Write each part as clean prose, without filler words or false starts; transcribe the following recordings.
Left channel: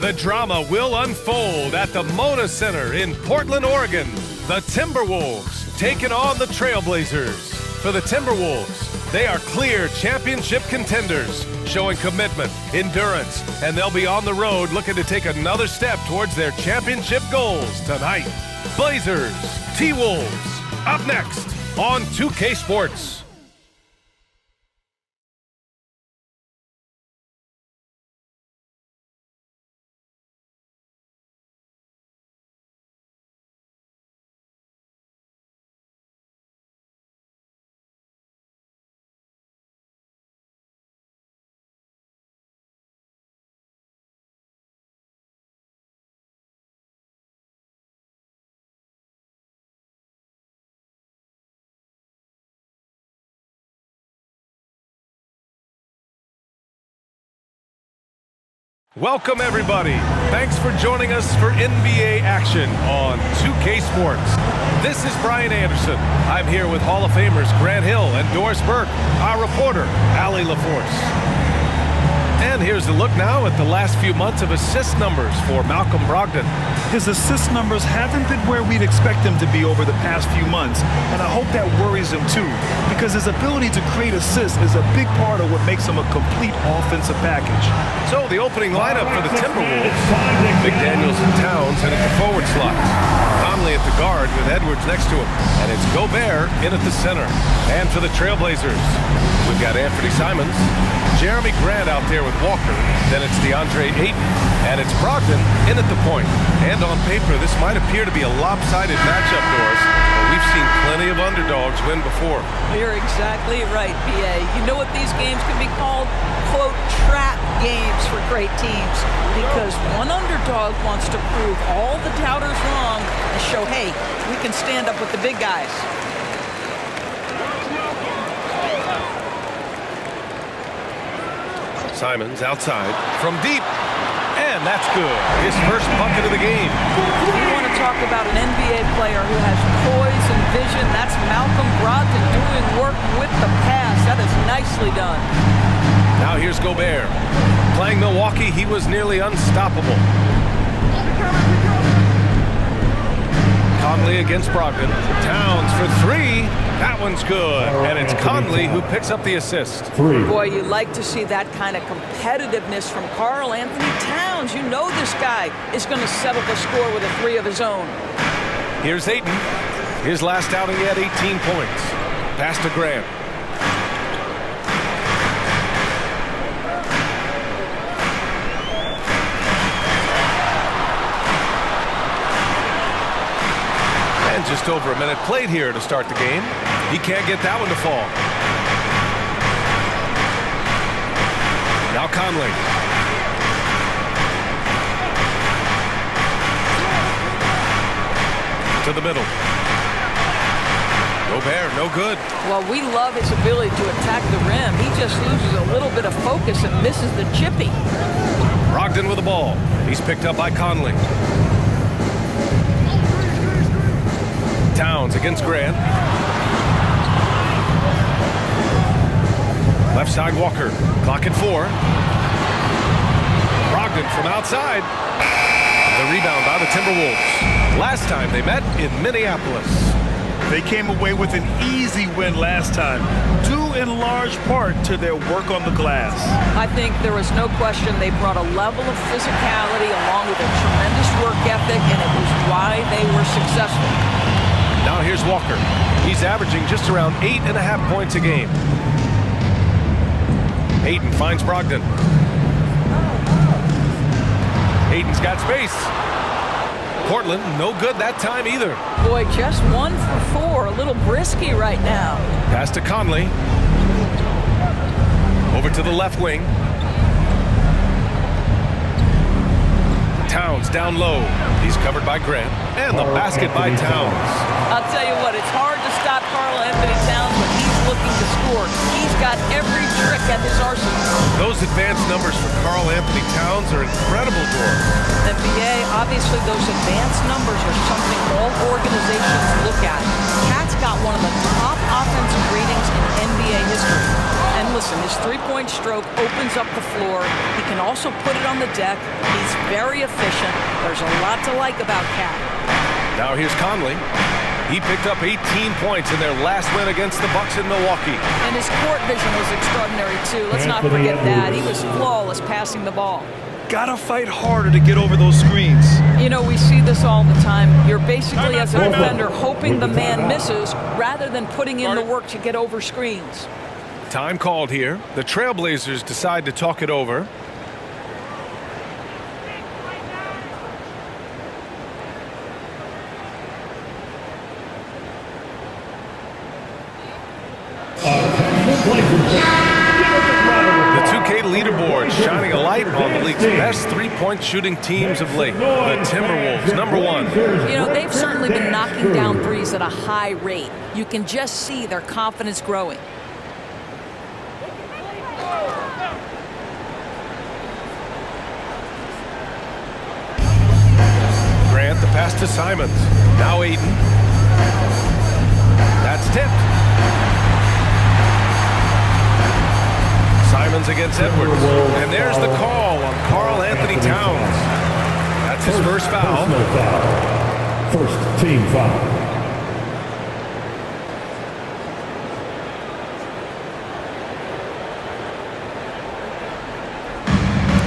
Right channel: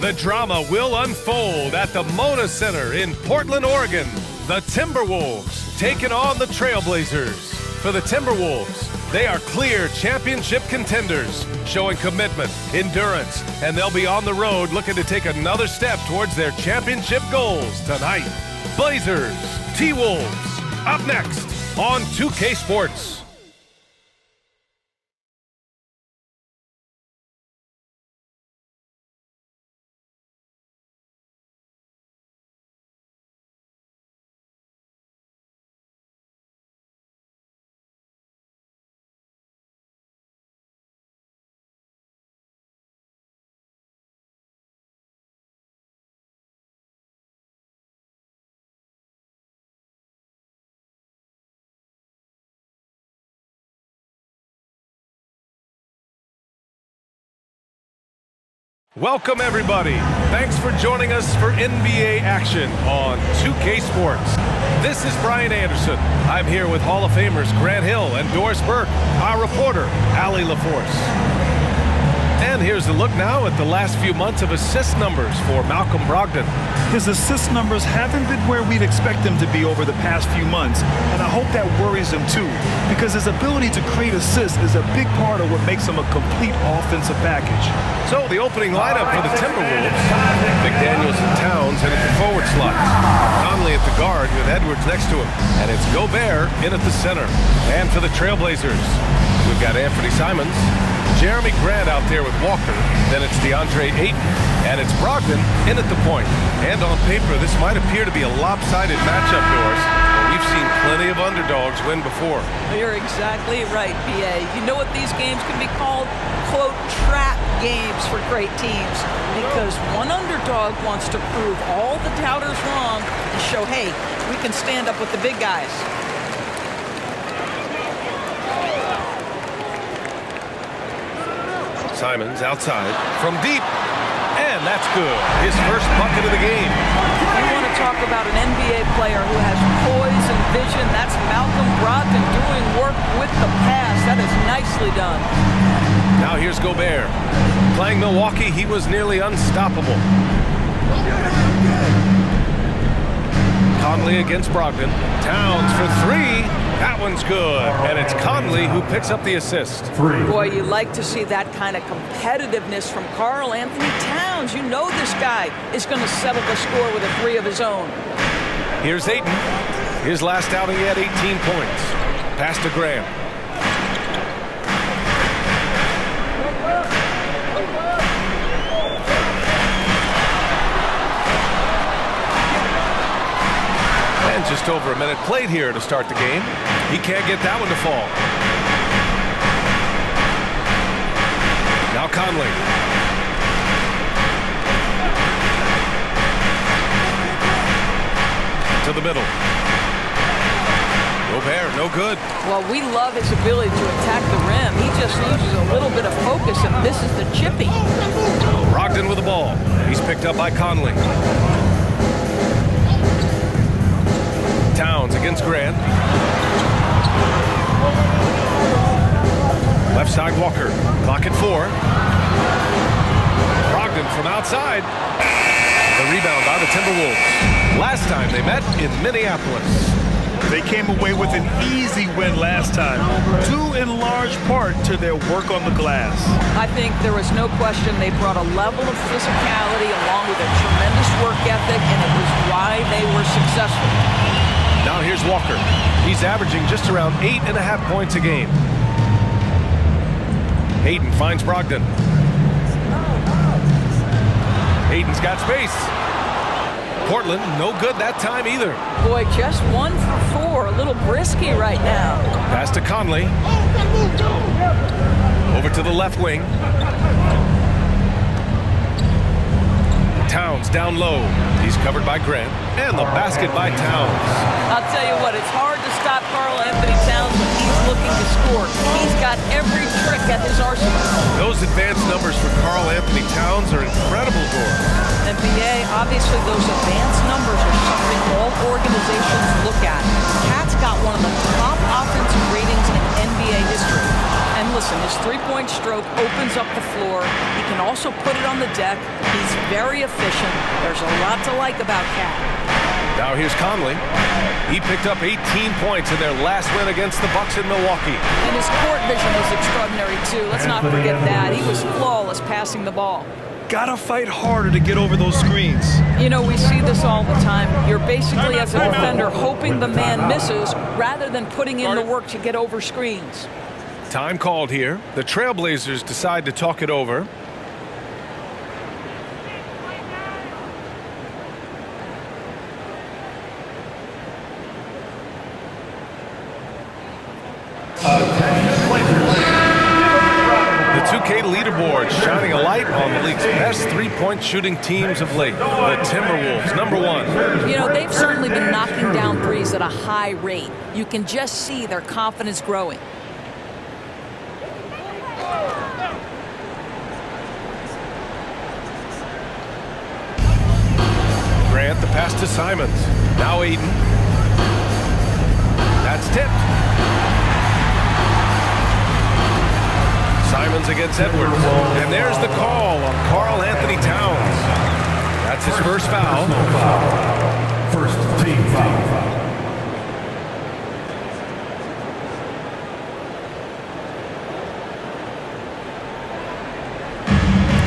The drama will unfold at the Moda Center in Portland, Oregon. The Timberwolves taking on the Trailblazers. For the Timberwolves, they are clear championship contenders, showing commitment, endurance, and they'll be on the road looking to take another step towards their championship goals tonight. Blazers, T-Wolves, up next on 2K Sports. Welcome, everybody. Thanks for joining us for NBA action on 2K Sports. This is Brian Anderson. I'm here with Hall of Famers Grant Hill and Doris Burke, our reporter, Allie LaForce. And here's a look now at the last few months of assist numbers for Malcolm Brogdon. His assist numbers haven't been where we'd expect them to be over the past few months, and I hope that worries him too, because his ability to create assists is a big part of what makes him a complete offensive package. So the opening lineup for the Timberwolves: McDaniels and Towns in at the forward slot, Conley at the guard with Edwards next to him, and it's Gobert in at the center. And for the Trailblazers, we've got Anthony Simons, Jeremy Grant out there with Walker, then it's DeAndre Ayton, and it's Brogdon in at the point. And on paper, this might appear to be a lopsided matchup, Doris, but we've seen plenty of underdogs win before. You're exactly right, B.A. You know what these games can be called? Quote, trap games for great teams, because one underdog wants to prove all the doubters wrong and show, hey, we can stand up with the big guys. Simons outside from deep, and that's good. His first bucket of the game. If you want to talk about an NBA player who has poise and vision, that's Malcolm Brogdon doing work with the pass. That is nicely done. Now here's Gobert. Playing Milwaukee, he was nearly unstoppable. Conley against Brogdon. Towns for three. That one's good. And it's Conley who picks up the assist. Boy, you like to see that kind of competitiveness from Karl Anthony Towns. You know this guy is going to settle the score with a three of his own. Here's Ayton. His last outing, he had 18 points. Pass to Grant. And just over a minute played here to start the game. He can't get that one to fall. Now Conley. To the middle. Gobert, no good. Well, we love his ability to attack the rim. He just loses a little bit of focus and misses the chippy. Brogdon with the ball. He's picked up by Conley. Towns against Grant. Left side Walker. Clock at 4. Brogdon from outside. The rebound by the Timberwolves. Last time they met in Minneapolis. They came away with an easy win last time, due in large part to their work on the glass. I think there was no question they brought a level of physicality along with a tremendous work ethic, and it was why they were successful. Now here's Walker. He's averaging just around 8.5 points a game. Ayton finds Brogdon. Ayton's got space. Portland, no good that time either. Boy, just 1 for 4. A little brisky right now. Pass to Conley. Over to the left wing. Towns down low. He's covered by Grant. And the basket by Towns. I'll tell you what, it's hard to stop Karl Anthony Towns when he's looking to score. He's got every trick at his arsenal. Those advanced numbers for Karl Anthony Towns are incredible, Doris. NBA, obviously those advanced numbers are something all organizations look at. Cat's got one of the top offensive ratings in NBA history. And listen, his three-point stroke opens up the floor. He can also put it on the deck. He's very efficient. There's a lot to like about Cat. Now here's Conley. He picked up 18 points in their last win against the Bucks in Milwaukee. And his court vision was extraordinary, too. Let's not forget that. He was flawless passing the ball. Gotta fight harder to get over those screens. You know, we see this all the time. You're basically, as a defender, hoping the man misses rather than putting in the work to get over screens. Time called here. The Trailblazers decide to talk it over. The 2K leaderboard shining a light on the league's best three-point shooting teams of late. The Timberwolves, #1. You know, they've certainly been knocking down threes at a high rate. You can just see their confidence growing. Grant, the pass to Simons. Now Aiden. That's tipped. Simons against Edwards. And there's the call on Karl Anthony Towns. That's his first foul. First team foul.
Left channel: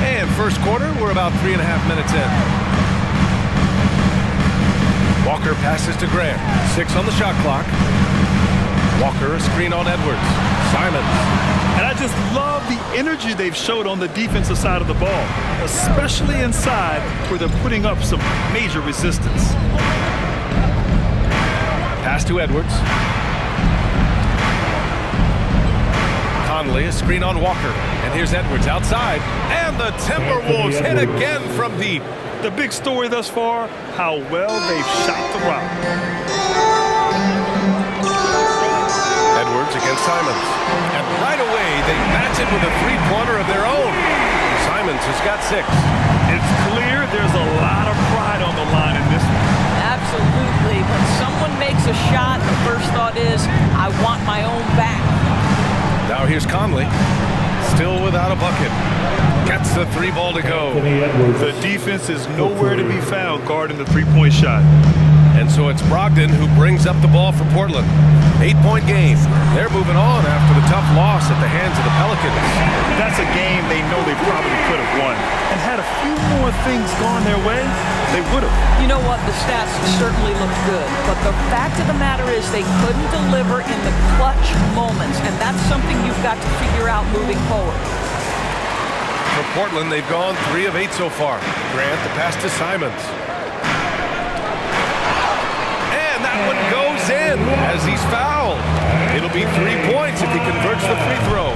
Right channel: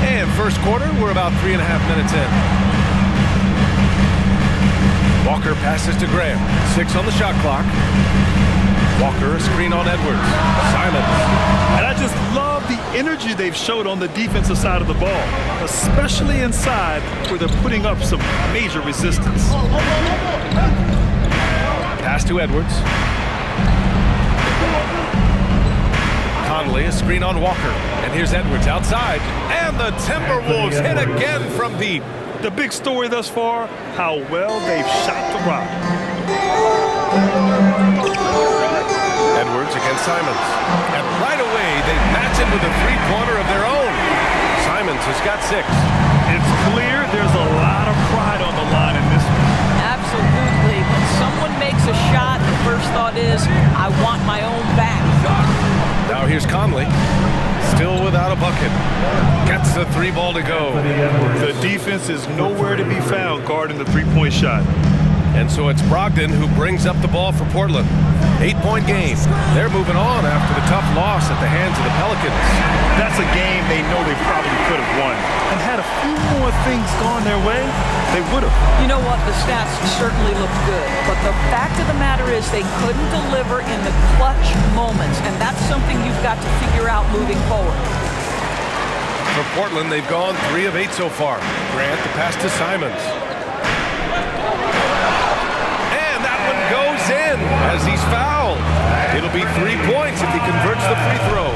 And first quarter, we're about 3.5 minutes in. Walker passes to Grant. 6 on the shot clock. Walker, a screen on Edwards. Simons. And I just love the energy they've showed on the defensive side of the ball, especially inside where they're putting up some major resistance. Pass to Edwards. Conley, a screen on Walker. And here's Edwards outside. And the Timberwolves hit again from deep. The big story thus far, how well they've shot the rock. Edwards against Simons. And right away, they match it with a three-pointer of their own. Simons has got 6. It's clear there's a lot of pride on the line in this one. Absolutely. When someone makes a shot, the first thought is, I want my own back. Now here's Conley. Still without a bucket. Gets the 3 ball to go. The defense is nowhere to be found guarding the three-point shot. And so it's Brogdon who brings up the ball for Portland. 8-point game. They're moving on after the tough loss at the hands of the Pelicans. That's a game they know they probably could have won. And had a few more things gone their way, they would have. You know what? The stats certainly look good. But the fact of the matter is they couldn't deliver in the clutch moments. And that's something you've got to figure out moving forward. For Portland, they've gone 3 of 8 so far. Grant, the pass to Simons. And that one goes in as he's fouled. It'll be 3 points if he converts the free throw.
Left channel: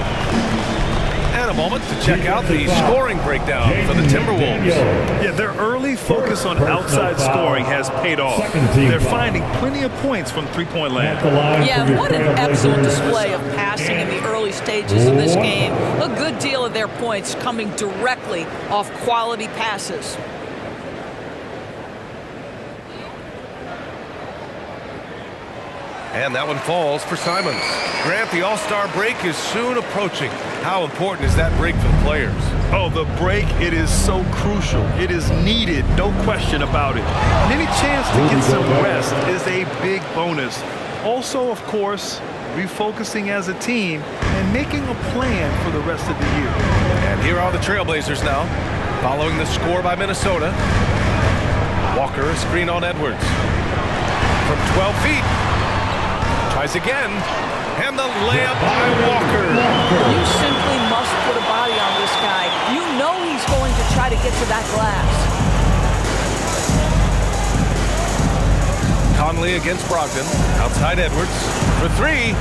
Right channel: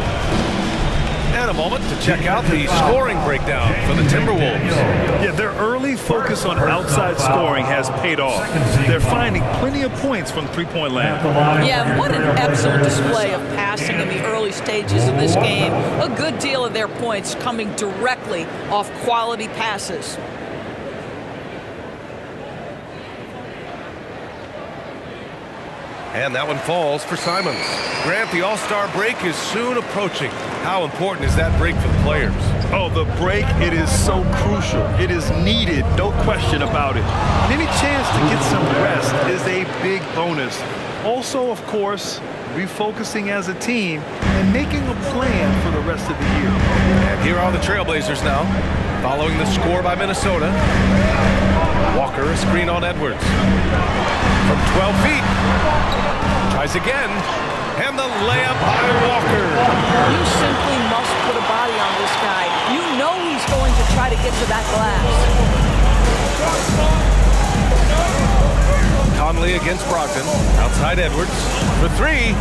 And a moment to check out the scoring breakdown for the Timberwolves. Yeah, their early focus on outside scoring has paid off. They're finding plenty of points from three-point land. Yeah, what an excellent display of passing in the early stages of this game. A good deal of their points coming directly off quality passes. And that one falls for Simons. Grant, the All-Star break is soon approaching. How important is that break for the players? Oh, the break, it is so crucial. It is needed, no question about it. And any chance to get some rest is a big bonus. Also, of course, refocusing as a team and making a plan for the rest of the year. And here are the Trailblazers now, following the score by Minnesota. Walker, a screen on Edwards. From 12 feet. Tries again, and the layup by Walker. You simply must put a body on this guy. You know he's going to try to get to that glass. Conley against Brogdon, outside Edwards, for 3.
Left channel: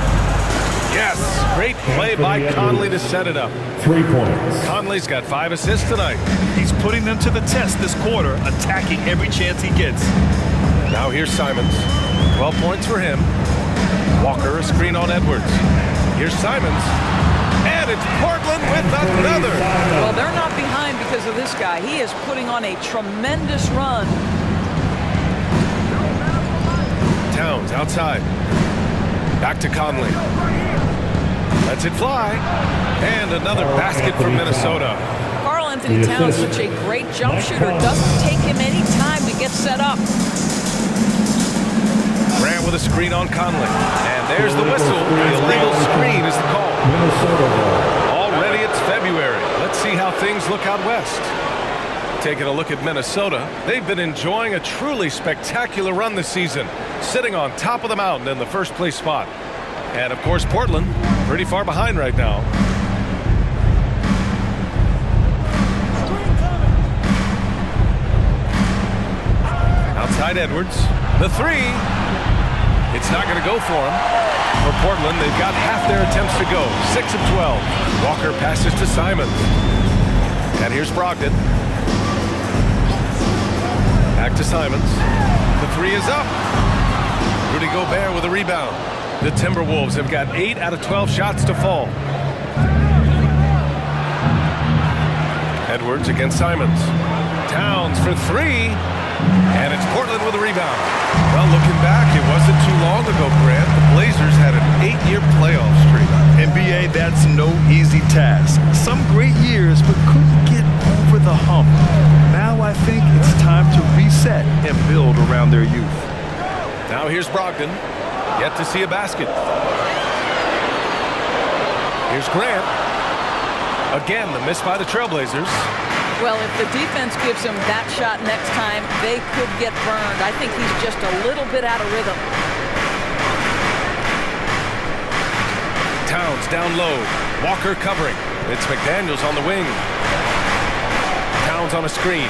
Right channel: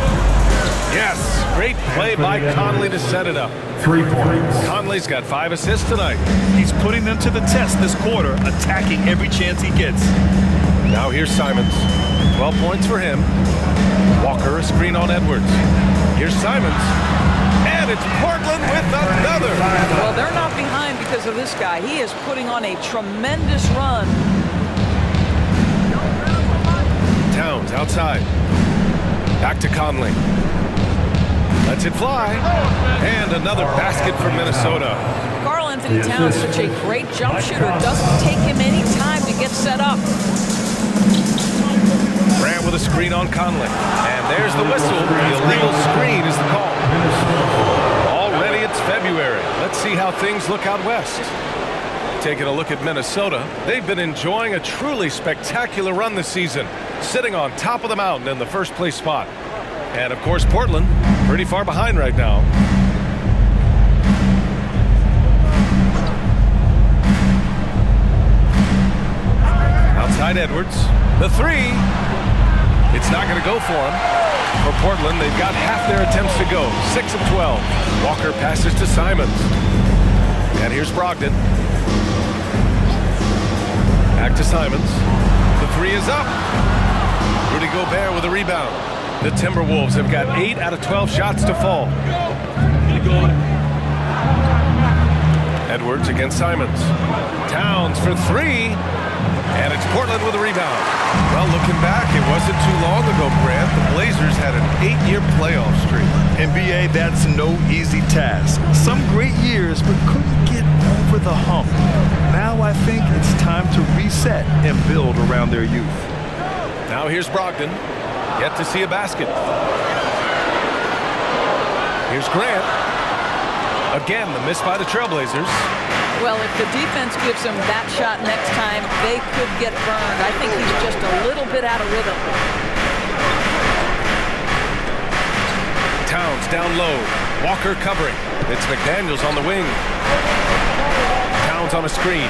Yes, great play by Conley to set it up. 3 points. Conley's got 5 assists tonight. He's putting them to the test this quarter, attacking every chance he gets. Now here's Simons, 12 points for him. Walker, a screen on Edwards. Here's Simons. And it's Portland with another. Well, they're not behind because of this guy. He is putting on a tremendous run. Towns outside. Back to Conley. Lets it fly. And another basket for Minnesota. Karl Anthony Towns, such a great jump shooter. Doesn't take him any time to get set up. Grant with a screen on Conley. And there's the whistle. The illegal screen is the call. Already it's February. Let's see how things look out west. Taking a look at Minnesota, they've been enjoying a truly spectacular run this season, sitting on top of the mountain in the first place spot. And of course, Portland, pretty far behind right now. Outside Edwards, the three. It's not going to go for him. For Portland, they've got half their attempts to go. 6 of 12. Walker passes to Simons. And here's Brogdon. Back to Simons. The three is up. Rudy Gobert with a rebound. The Timberwolves have got 8 out of 12 shots to fall. Edwards against Simons. Towns for three. And it's Portland with a rebound. Well, looking back, it wasn't too long ago, Grant. The Blazers had an 8-year playoff streak. NBA, that's no easy task. Some great years, but couldn't get over the hump. Now I think it's time to reset and build around their youth. Now here's Brogdon. Yet to see a basket. Here's Grant. Again, the miss by the Trailblazers. Well, if the defense gives him that shot next time, they could get burned. I think he's just a little bit out of rhythm. Towns down low. Walker covering. It's McDaniels on the wing. Towns on a screen.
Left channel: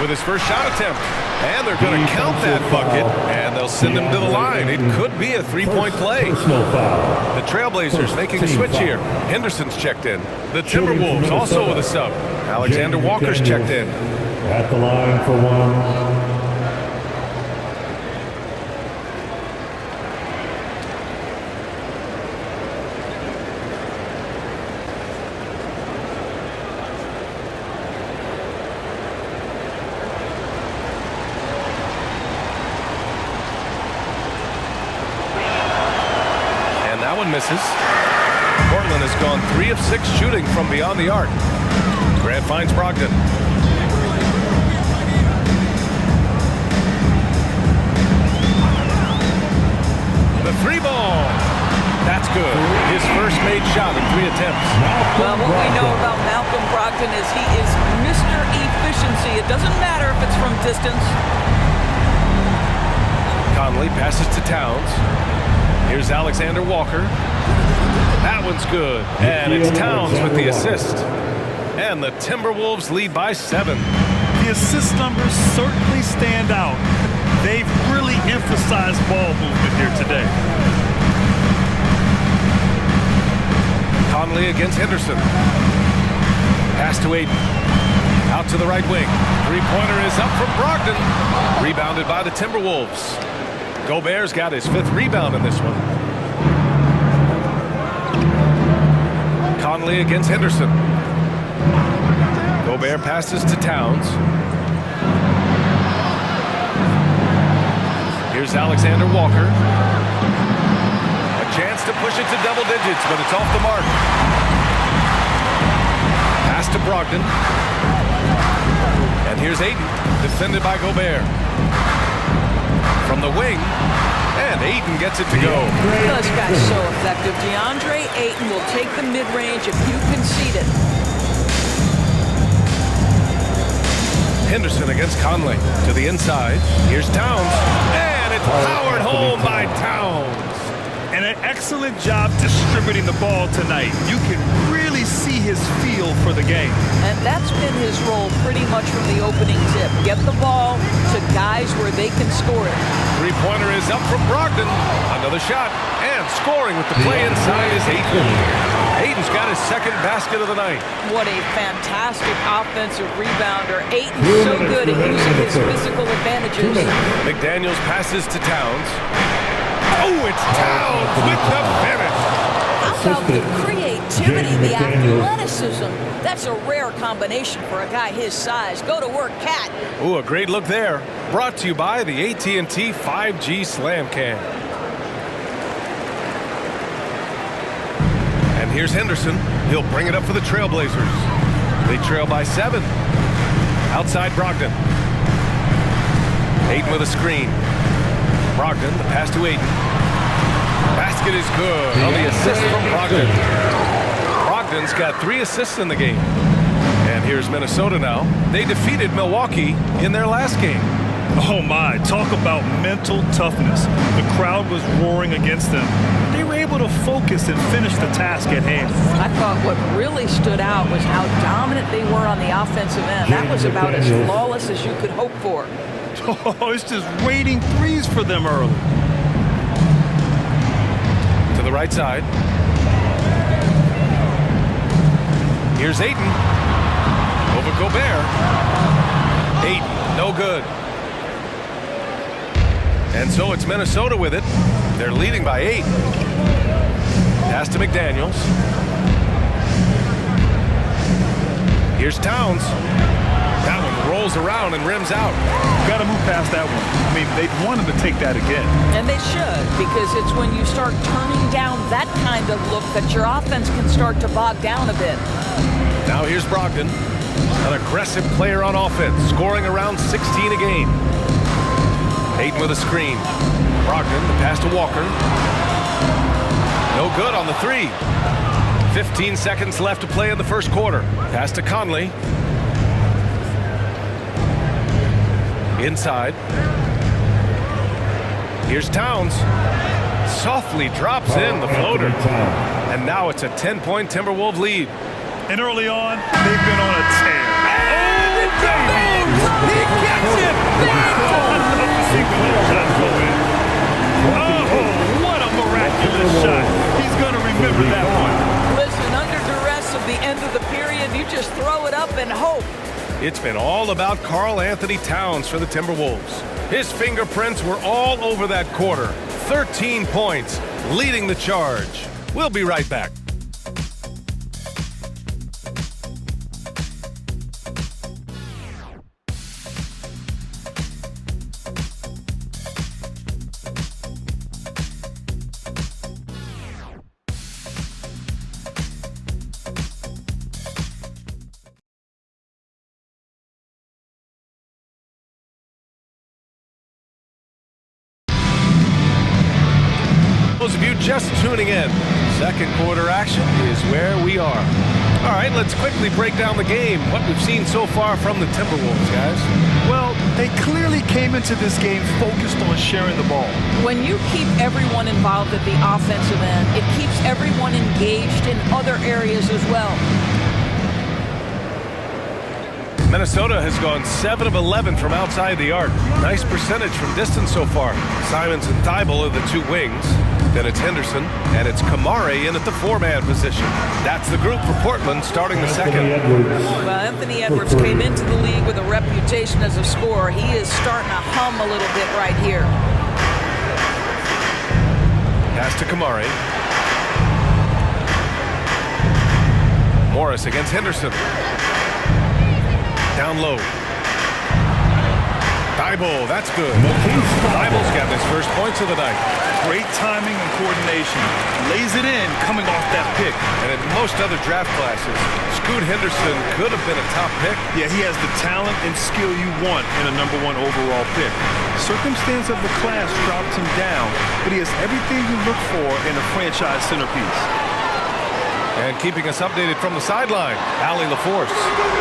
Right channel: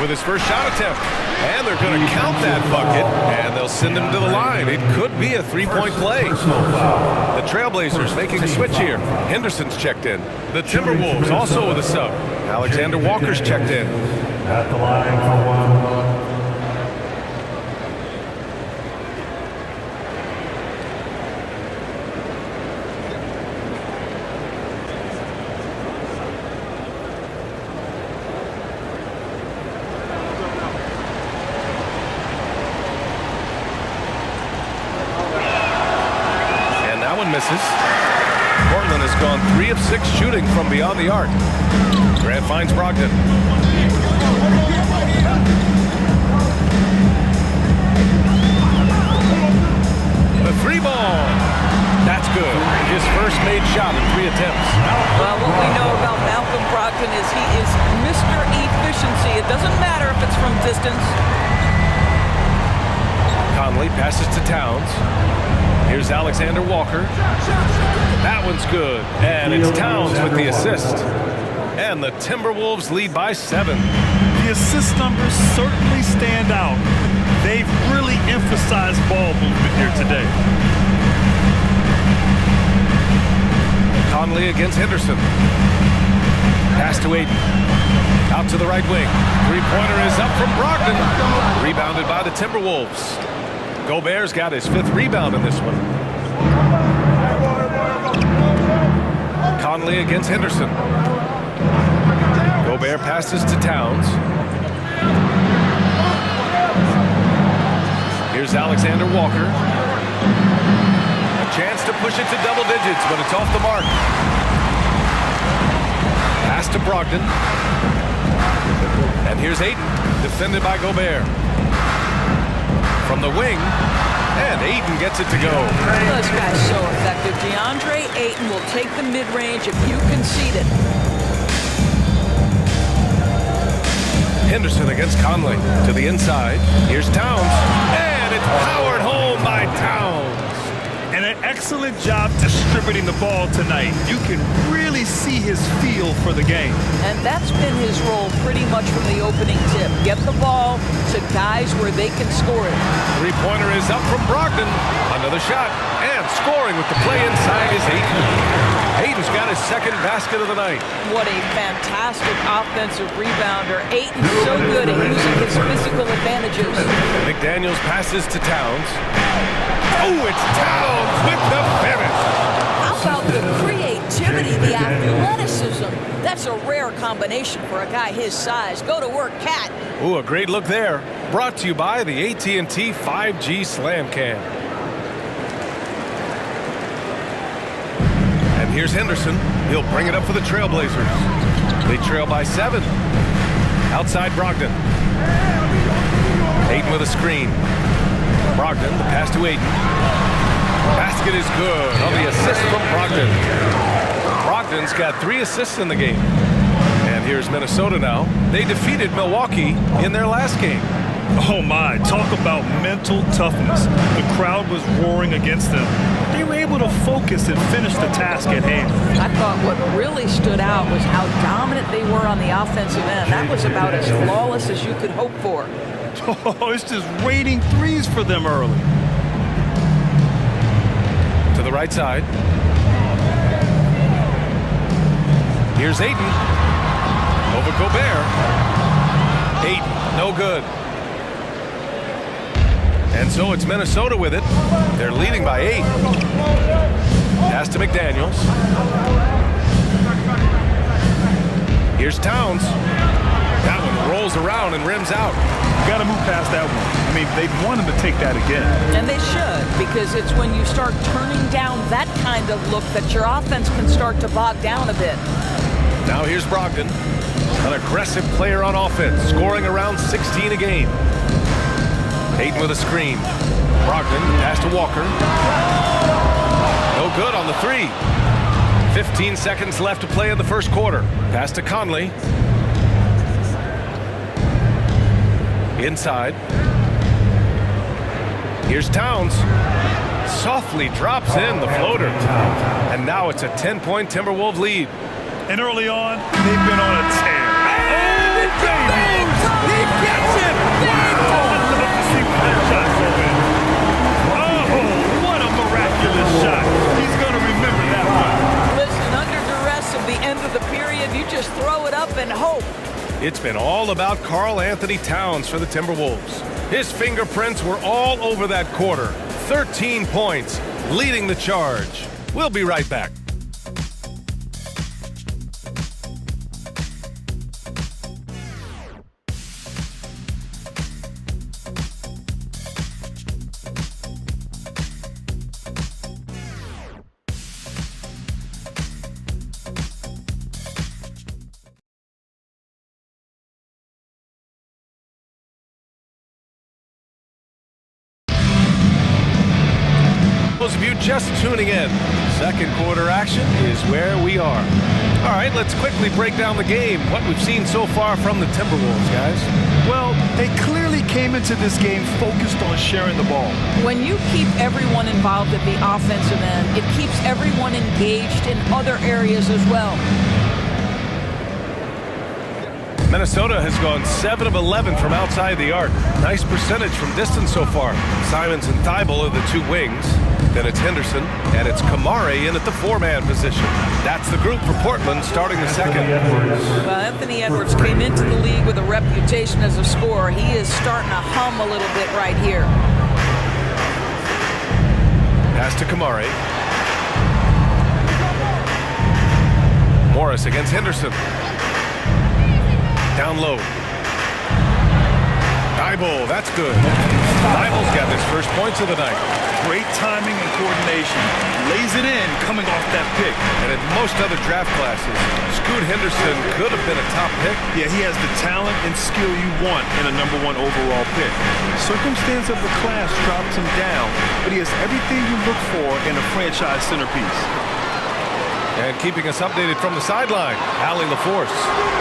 With his first shot attempt. And they're going to count that bucket, and they'll send him to the line. It could be a three-point play. The Trailblazers making a switch here. Henderson's checked in. The Timberwolves also with a sub. Alexander Walker's checked in. At the line for one. That one misses. Portland has gone 3 of 6 shooting from beyond the arc. Grant finds Brogdon. The three ball. That's good. His first made shot in 3 attempts. Well, what we know about Malcolm Brogdon is he is Mr. Efficiency. It doesn't matter if it's from distance. Conley passes to Towns. Here's Alexander Walker. That one's good. And it's Towns with the assist. And the Timberwolves lead by 7. The assist numbers certainly stand out. They've really emphasized ball movement here today. Conley against Henderson. Pass to Aiden. Out to the right wing. Three-pointer is up from Brogdon. Rebounded by the Timberwolves. Gobert's got his 5th rebound in this one. Conley against Henderson. Gobert passes to Towns. Here's Alexander Walker. A chance to push it to double digits, but it's off the mark. Pass to Brogdon. And here's Aiden, defended by Gobert. From the wing, and Aiden gets it to go. This guy's so effective. DeAndre Ayton will take the mid-range if you concede it. Henderson against Conley. To the inside. Here's Towns. And it's powered home by Towns. And an excellent job distributing the ball tonight. You can really see his feel for the game. And that's been his role pretty much from the opening tip. Get the ball to guys where they can score it. Three-pointer is up from Brogdon. Another shot. And scoring with the play inside is Ayton. Aiton's got his second basket of the night. What a fantastic offensive rebounder. Aiton's so good at using his physical advantages. McDaniels passes to Towns. Oh, it's Towns with the finish. How about the creativity, the athleticism? That's a rare combination for a guy his size. Go to work, Cat. Ooh, a great look there. Brought to you by the AT&T 5G Slam Cam. And here's Henderson. He'll bring it up for the Trailblazers. They trail by 7. Outside Brogdon. Aiton with a screen. Brogdon, the pass to Aiton. Basket is good on the assist from Brogdon. Brogdon's got 3 assists in the game. And here's Minnesota now. They defeated Milwaukee in their last game. Oh my, talk about mental toughness. The crowd was roaring against them. They were able to focus and finish the task at hand. I thought what really stood out was how dominant they were on the offensive end. That was about as flawless as you could hope for. Oh, it's just raining threes for them early. To the right side. Here's Aiton. Over Gobert. Aiton, no good. And so it's Minnesota with it. They're leading by 8. Pass to McDaniels. Here's Towns. That one rolls around and rims out. Got to move past that one. I mean, they'd want him to take that again. And they should, because it's when you start turning down that kind of look that your offense can start to bog down a bit. Now here's Brogdon, an aggressive player on offense, scoring around 16 a game. Aiton with a screen. Brogdon, the pass to Walker. No good on the 3. 15 seconds left to play in the first quarter. Pass to Conley. Inside. Here's Towns. Softly drops in the floater. And now it's a 10-point Timberwolves lead. And early on, they've been on a tear. And it goes! He gets it! Wow! I love to see when those shots go in. Oh, what a miraculous shot. He's going to remember that one. Listen, under duress of the end of the period, you just throw it up and hope. It's been all about Karl Anthony Towns for the Timberwolves. His fingerprints were all over that quarter. 13 points, leading the charge. We'll be right back. Those of you just tuning in, second quarter action is where we are. All right, let's quickly break down the game, what we've seen so far from the Timberwolves, guys. Well, they clearly came into this game focused on sharing the ball. When you keep everyone involved at the offensive end, it keeps everyone engaged in other areas as well. Minnesota has gone 7 of 11 from outside the arc. Nice percentage from distance so far. Simons and Thibault are the 2 wings. Then it's Henderson, and it's Kamare in at the 4-man position. That's the group for Portland starting the second. Well, Anthony Edwards came into the league with a reputation as a scorer. He is starting to hum a little bit right here. Pass to Kamare. Morris against Henderson. Down low. Thibault, that's good. Thibault's got his first points of the night. Great timing and coordination. Lays it in coming off that pick. And in most other draft classes, Scoot Henderson could have been a top pick. Yeah, he has the talent and skill you want in a #1 overall pick. Circumstance of the class dropped him down, but he has everything you look for in a franchise centerpiece. And keeping us updated from the sideline, Allie LaForce.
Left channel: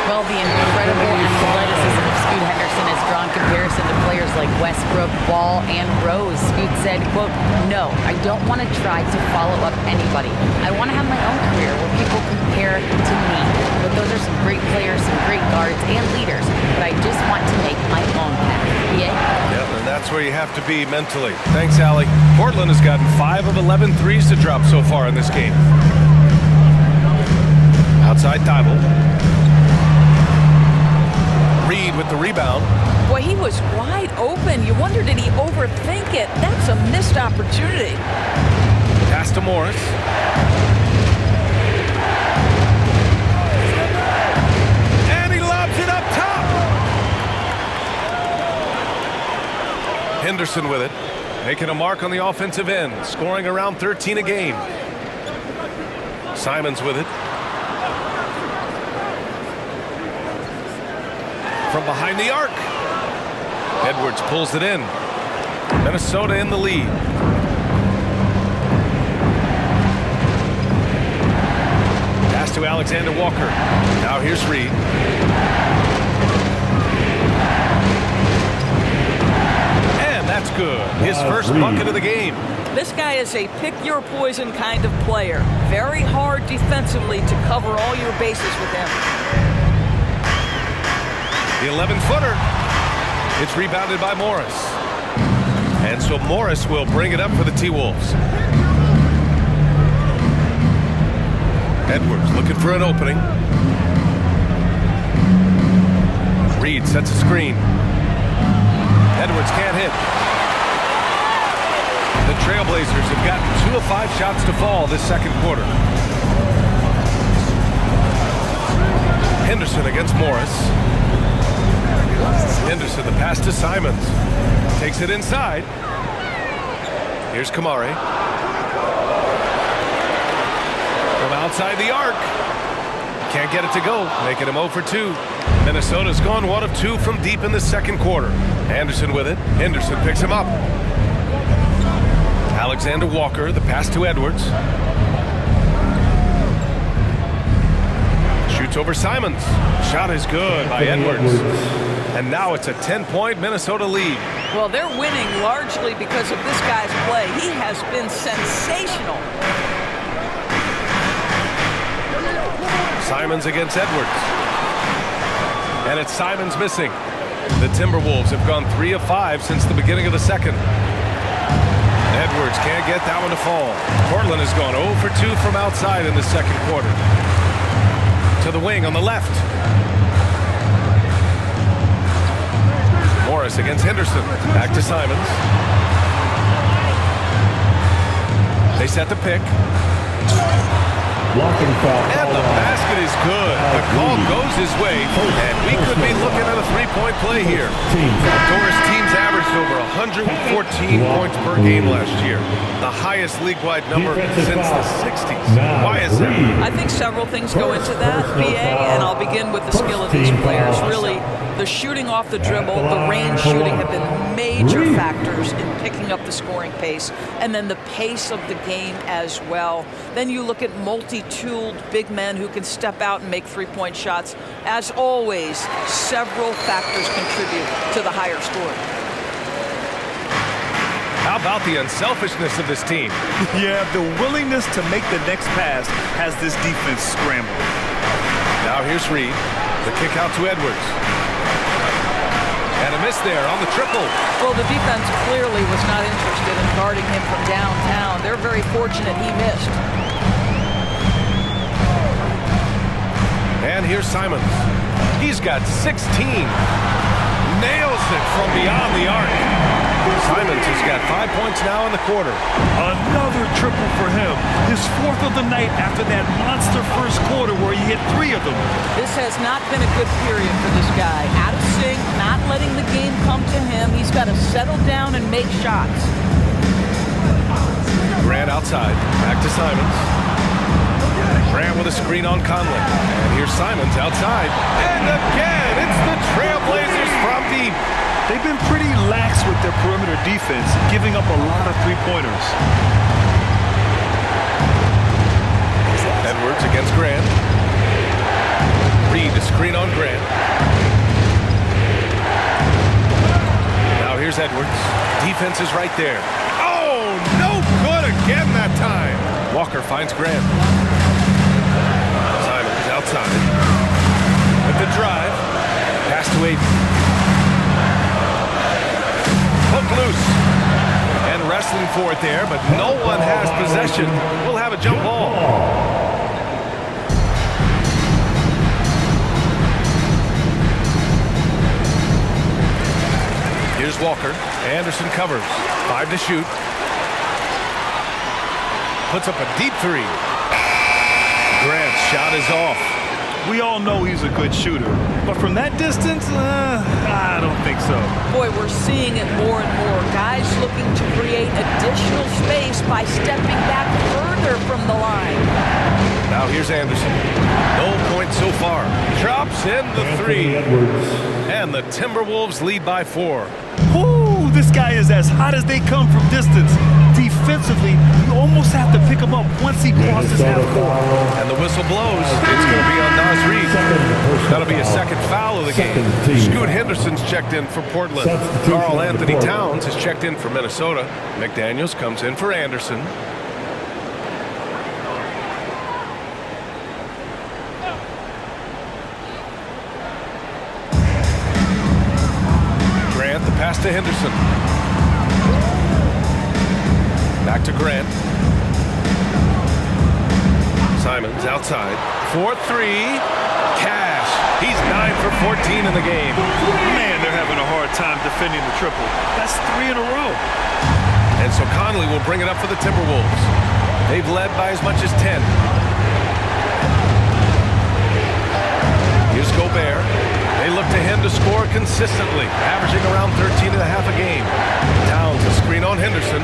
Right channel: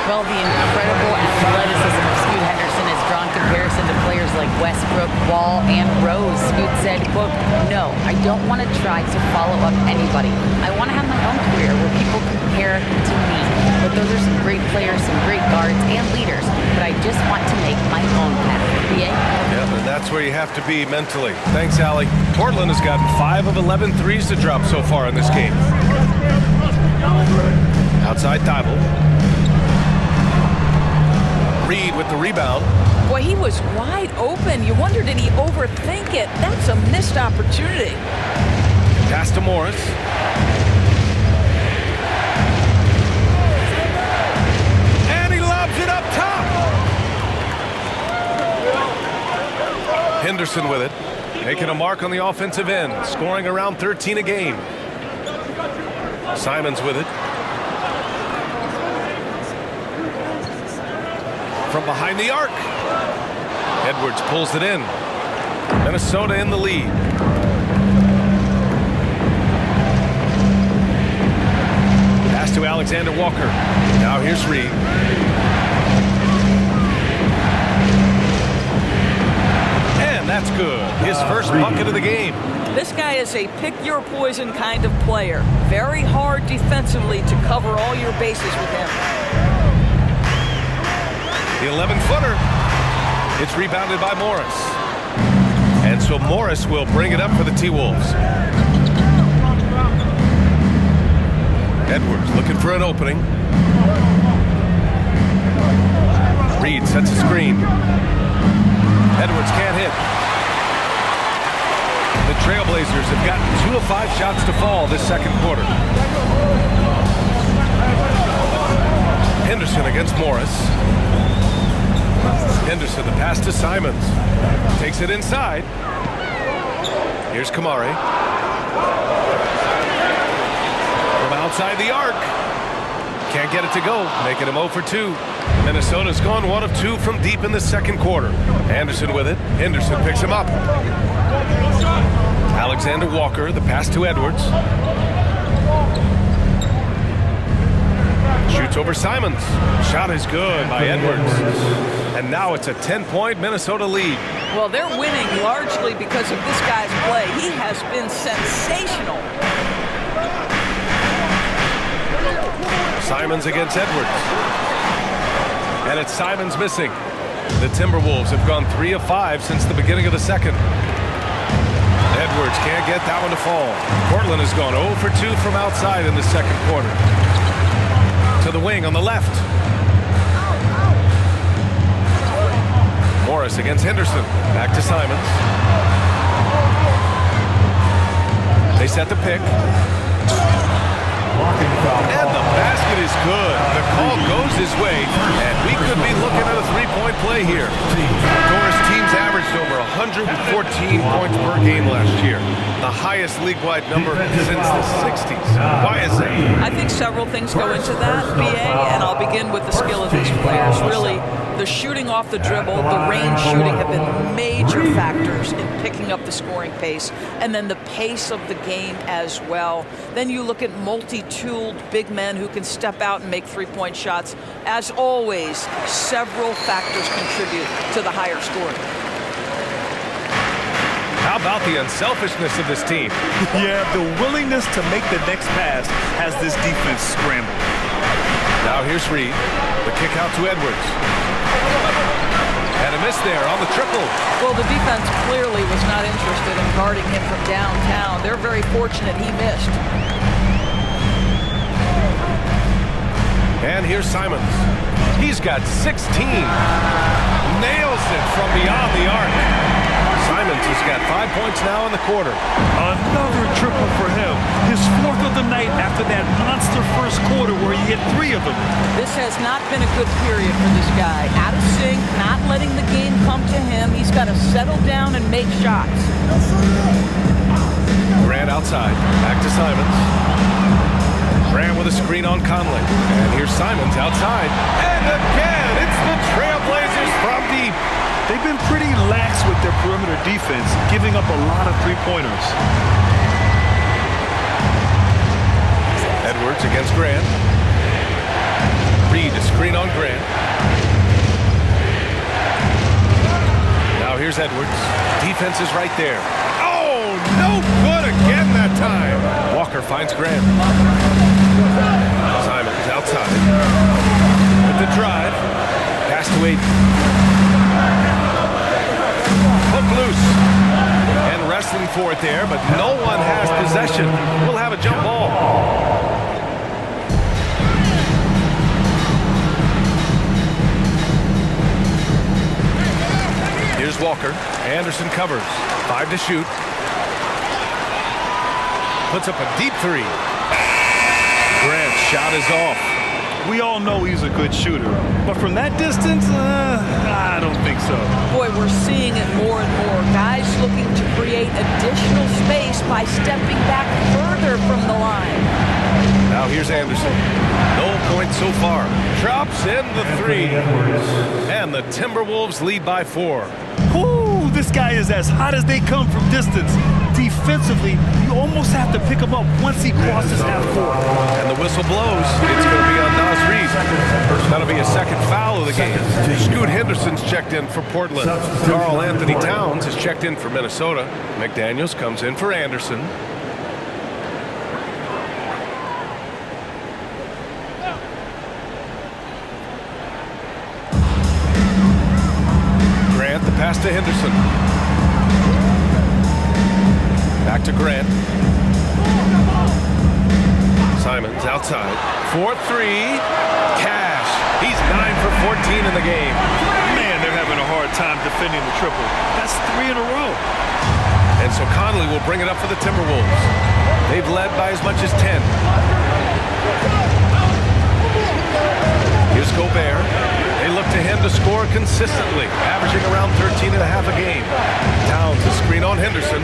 Well, the incredible athleticism of Scoot Henderson has drawn comparison to players like Westbrook, Wall, and Rose. Scoot said, quote, "No, I don't want to try to follow up anybody. I want to have my own career where people compare to me. But those are some great players, some great guards, and leaders. But I just want to make my own path." BA? Yeah, and that's where you have to be mentally. Thanks, Allie. Portland has gotten 5 of 11 threes to drop so far in this game. outside Thibault. Reed with the rebound. Boy, he was wide open. You wonder, did he overthink it? That's a missed opportunity. Pass to Morris. And he lobs it up top. Henderson with it. Making a mark on the offensive end. Scoring around 13 a game. Simons with it. From behind the arc. Edwards pulls it in. Minnesota in the lead. Pass to Alexander Walker. Now here's Reed. And that's good. His first bucket of the game. This guy is a pick-your-poison kind of player. Very hard defensively to cover all your bases with him. The 11-footer. It's rebounded by Morris. And so Morris will bring it up for the T-Wolves. Edwards looking for an opening. Reed sets a screen. Edwards can't hit. The Trailblazers have gotten 2 of 5 shots to fall this second quarter. Henderson against Morris. Henderson, the pass to Simons. Takes it inside. Here's Kamari. From outside the arc. Can't get it to go, making him 0 for 2. Minnesota's gone 1 of 2 from deep in the second quarter. Anderson with it. Henderson picks him up. Alexander Walker, the pass to Edwards. Shoots over Simons. Shot is good by Edwards. And now it's a 10-point Minnesota lead. Well, they're winning largely because of this guy's play. He has been sensational. Simons against Edwards. And it's Simons missing. The Timberwolves have gone 3 of 5 since the beginning of the second. Edwards can't get that one to fall. Portland has gone 0 for 2 from outside in the second quarter. To the wing on the left. Morris against Henderson. Back to Simons. They set the pick. And the basket is good. The call goes his way, and we could be looking at a 3-point play here. Doris teams averaged over 114 points per game last year, the highest league-wide number since the 60s. Why is that? I think several things go into that, BA, and I'll begin with the skill of these players. Really, the shooting off the dribble, the range shooting have been major factors in picking up the scoring pace, and then the pace of the game as well. Then you look at multi-tooled big men who can step out and make 3-point shots. As always, several factors contribute to the higher scoring. How about the unselfishness of this team? Yeah, the willingness to make the next pass has this defense scrambled. Now here's Reed. The kick out to Edwards. And a miss there on the triple. Well, the defense clearly was not interested in guarding him from downtown. They're very fortunate he missed. And here's Simons. He's got 16. Nails it from beyond the arc. Simons has got 5 points now in the quarter. Another triple for him. His 4th of the night after that monster first quarter where he hit 3 of them. This has not been a good period for this guy. Out of sync, not letting the game come to him. He's got to settle down and make shots. Grant outside. Back to Simons. Grant with a screen on Conley. And here's Simons outside. And again, it's the Trailblazers from deep. They've been pretty lax with their perimeter defense, giving up a lot of 3-pointers. Edwards against Grant. Reed a screen on Grant. Now here's Edwards. Defense is right there. Oh, no good again that time. Walker finds Grant. Simons outside. With the drive. Pass to Aiden. Hook loose. And wrestling for it there, but no one has possession. We'll have a jump ball. Here's Walker. Anderson covers. 5 to shoot. Puts up a deep three. Grant's shot is off. We all know he's a good shooter, but from that distance, I don't think so. Boy, we're seeing it more and more. Guys looking to create additional space by stepping back further from the line. Now here's Anderson. No points so far. Drops in the three. And the Timberwolves lead by 4. Ooh, this guy is as hot as they come from distance. Defensively, you almost have to pick him up once he crosses half court. And the whistle blows. It's going to be on Nas Reed. That'll be a second foul of the game. Scoot Henderson's checked in for Portland. Karl Anthony Towns is checked in for Minnesota. McDaniels comes in for Anderson. Grant, the pass to Henderson. Back to Grant. Simons outside. 4-3. Cash. He's 9 for 14 in the game. Man, they're having a hard time defending the triple. That's 3 in a row. And so Conley will bring it up for the Timberwolves. They've led by as much as 10. Here's Gobert. They look to him to score consistently, averaging around 13 and a half a game. Towns a screen on Henderson.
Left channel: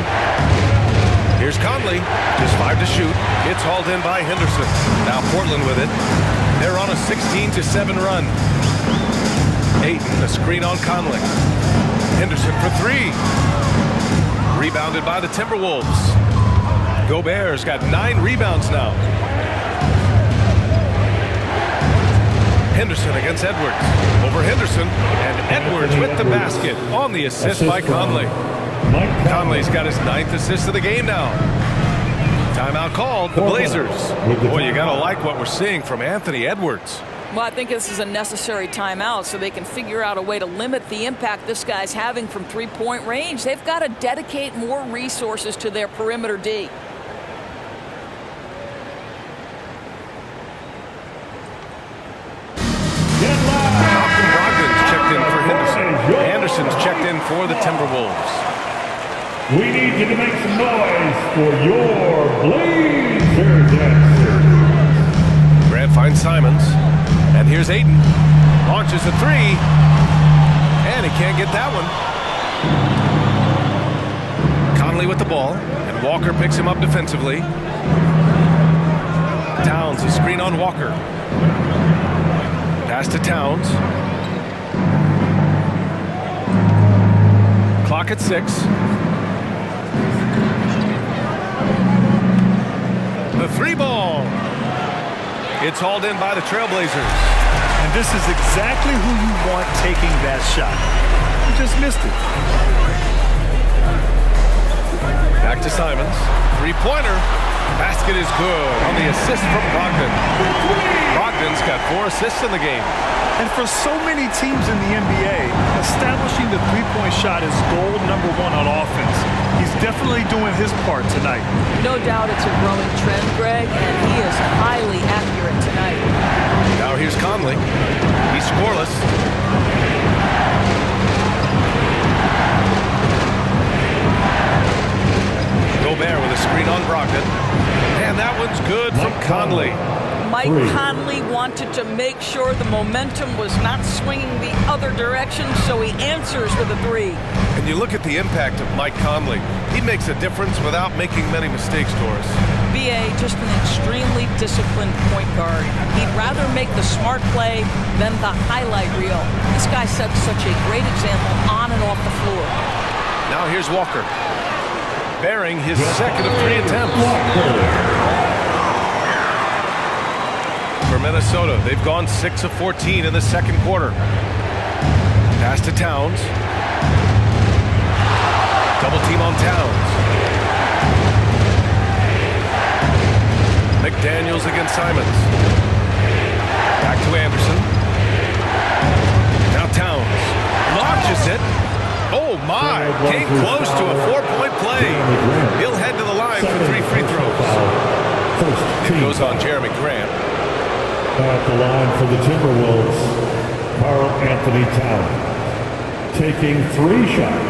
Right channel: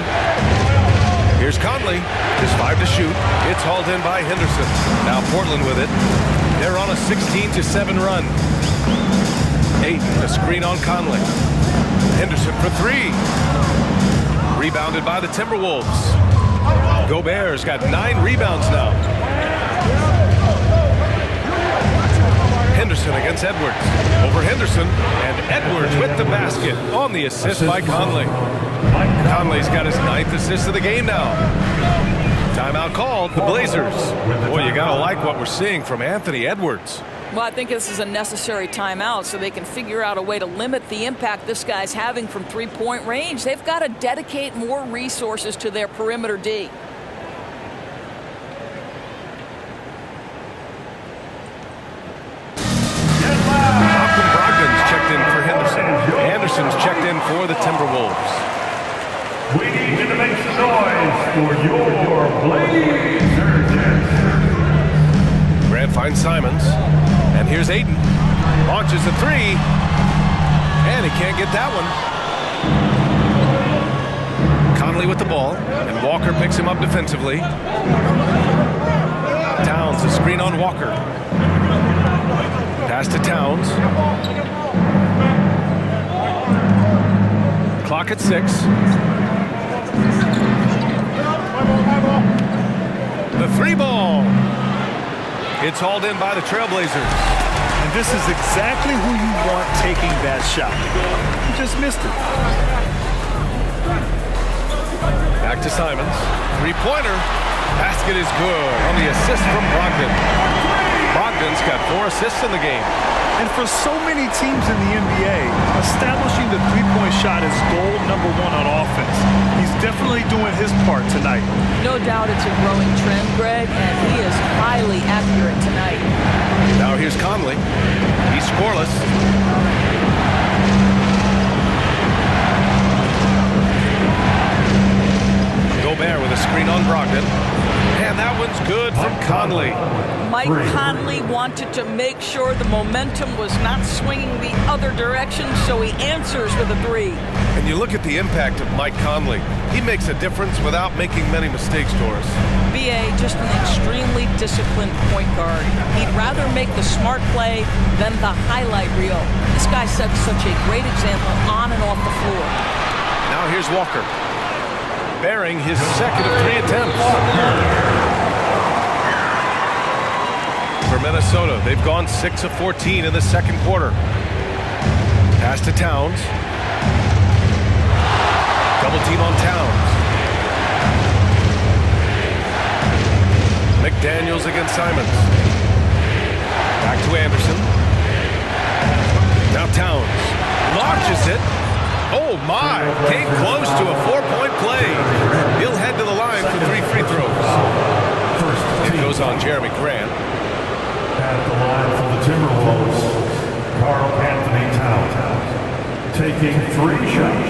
Here's Conley, just 5 to shoot. It's hauled in by Henderson. Now Portland with it. They're on a 16-7 run. Ayton, a screen on Conley. Henderson for 3. Rebounded by the Timberwolves. Gobert's got 9 rebounds now. Henderson against Edwards. Over Henderson, and Edwards with the basket on the assist by Conley. Conley's got his 9th assist of the game now. Timeout called, the Blazers. Boy, you gotta like what we're seeing from Anthony Edwards. Well, I think this is a necessary timeout so they can figure out a way to limit the impact this guy's having from three-point range. They've got to dedicate more resources to their perimeter D. Malcolm Brogdon's checked in for Henderson. Anderson's checked in for the Timberwolves. We need you to make some noise for your Blazers. Grant finds Simons. And here's Ayton. Launches a 3. And he can't get that one. Conley with the ball. And Walker picks him up defensively. Towns a screen on Walker. Pass to Towns. Clock at 6. The 3 ball. It's hauled in by the Trailblazers. And this is exactly who you want taking that shot. You just missed it. Back to Simons. 3-pointer. Basket is good on the assist from Brogdon. Brogdon's got 4 assists in the game. And for so many teams in the NBA, establishing the three-point shot is goal number 1 on offense. He's definitely doing his part tonight. No doubt it's a growing trend, Greg, and he is highly accurate tonight. Now here's Conley. He's scoreless. Gobert with a screen on Brogdon. And that one's good from Conley. Mike Conley wanted to make sure the momentum was not swinging the other direction, so he answers with a 3. And you look at the impact of Mike Conley. He makes a difference without making many mistakes, Doris. B.A. just an extremely disciplined point guard. He'd rather make the smart play than the highlight reel. This guy sets such a great example on and off the floor. Now here's Walker. Bearing his second of 3 attempts. For Minnesota, they've gone 6 of 14 in the second quarter. Pass to Towns. Double team on Towns. McDaniels against Simons. Back to Anderson. Now Towns. Launches it. Oh my, came close to a 4-point play. He'll head to the line for 3 free throws. It goes on Jeremy Grant. At the line for the Timberwolves, Karl Anthony Towns. taking 3 shots.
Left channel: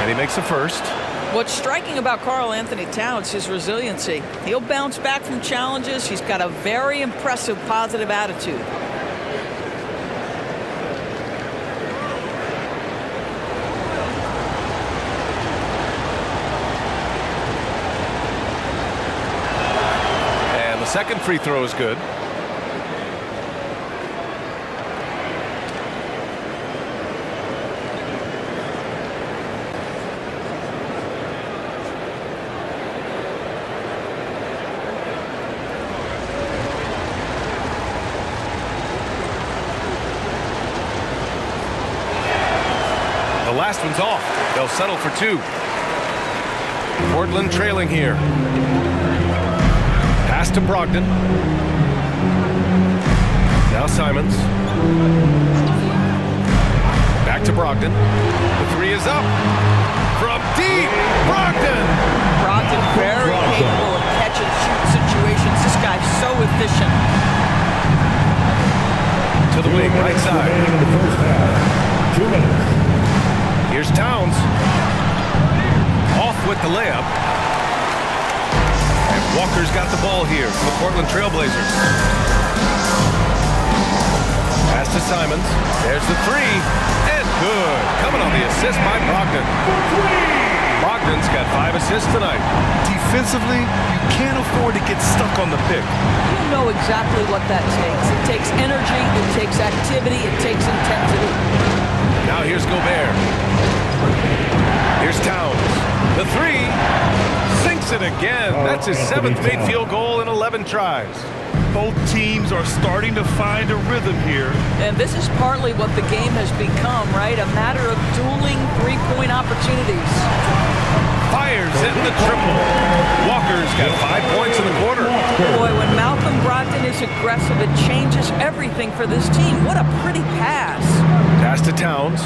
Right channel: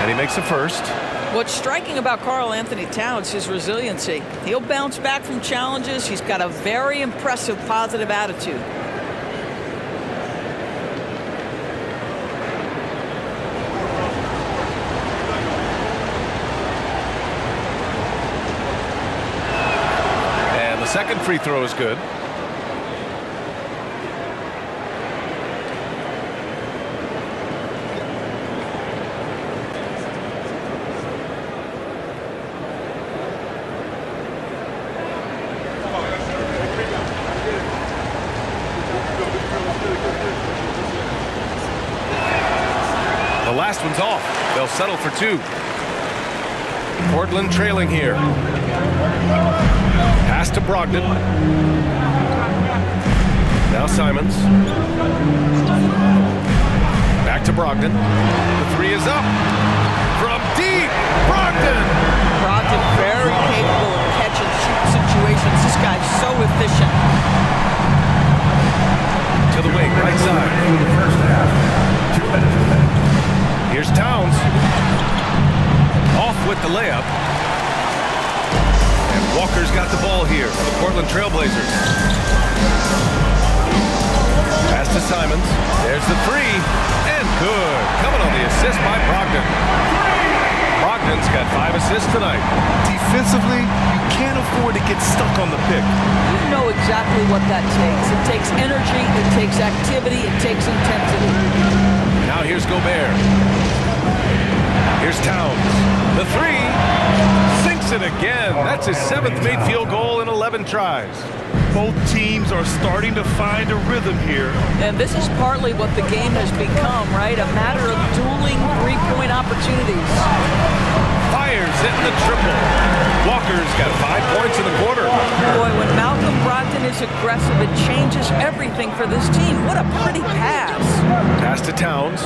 And he makes the first. What's striking about Karl Anthony Towns, his resiliency. He'll bounce back from challenges. He's got a very impressive positive attitude. And the second free throw is good. The last one's off. They'll settle for 2. Portland trailing here. Pass to Brogdon. Now Simons. Back to Brogdon. The 3 is up. From deep, Brogdon! Brogdon very capable of catch and shoot situations. This guy's so efficient. To the wing, right side. In the first half. 2 minutes. Here's Towns. Off with the layup. And Walker's got the ball here for the Portland Trailblazers. Pass to Simons. There's the 3. And good. Coming on the assist by Brogdon. Brogdon's got 5 assists tonight. Defensively, you can't afford to get stuck on the pick. You know exactly what that takes. It takes energy, it takes activity, it takes intensity. Now here's Gobert. Here's Towns. The 3. Sinks it again. That's his 7th made field goal in 11 tries. Both teams are starting to find a rhythm here. And this is partly what the game has become, right? A matter of dueling three-point opportunities. Fires in the triple. Walker's got 5 points in the quarter. Boy, when Malcolm Brogdon is aggressive, it changes everything for this team. What a pretty pass. Pass to Towns.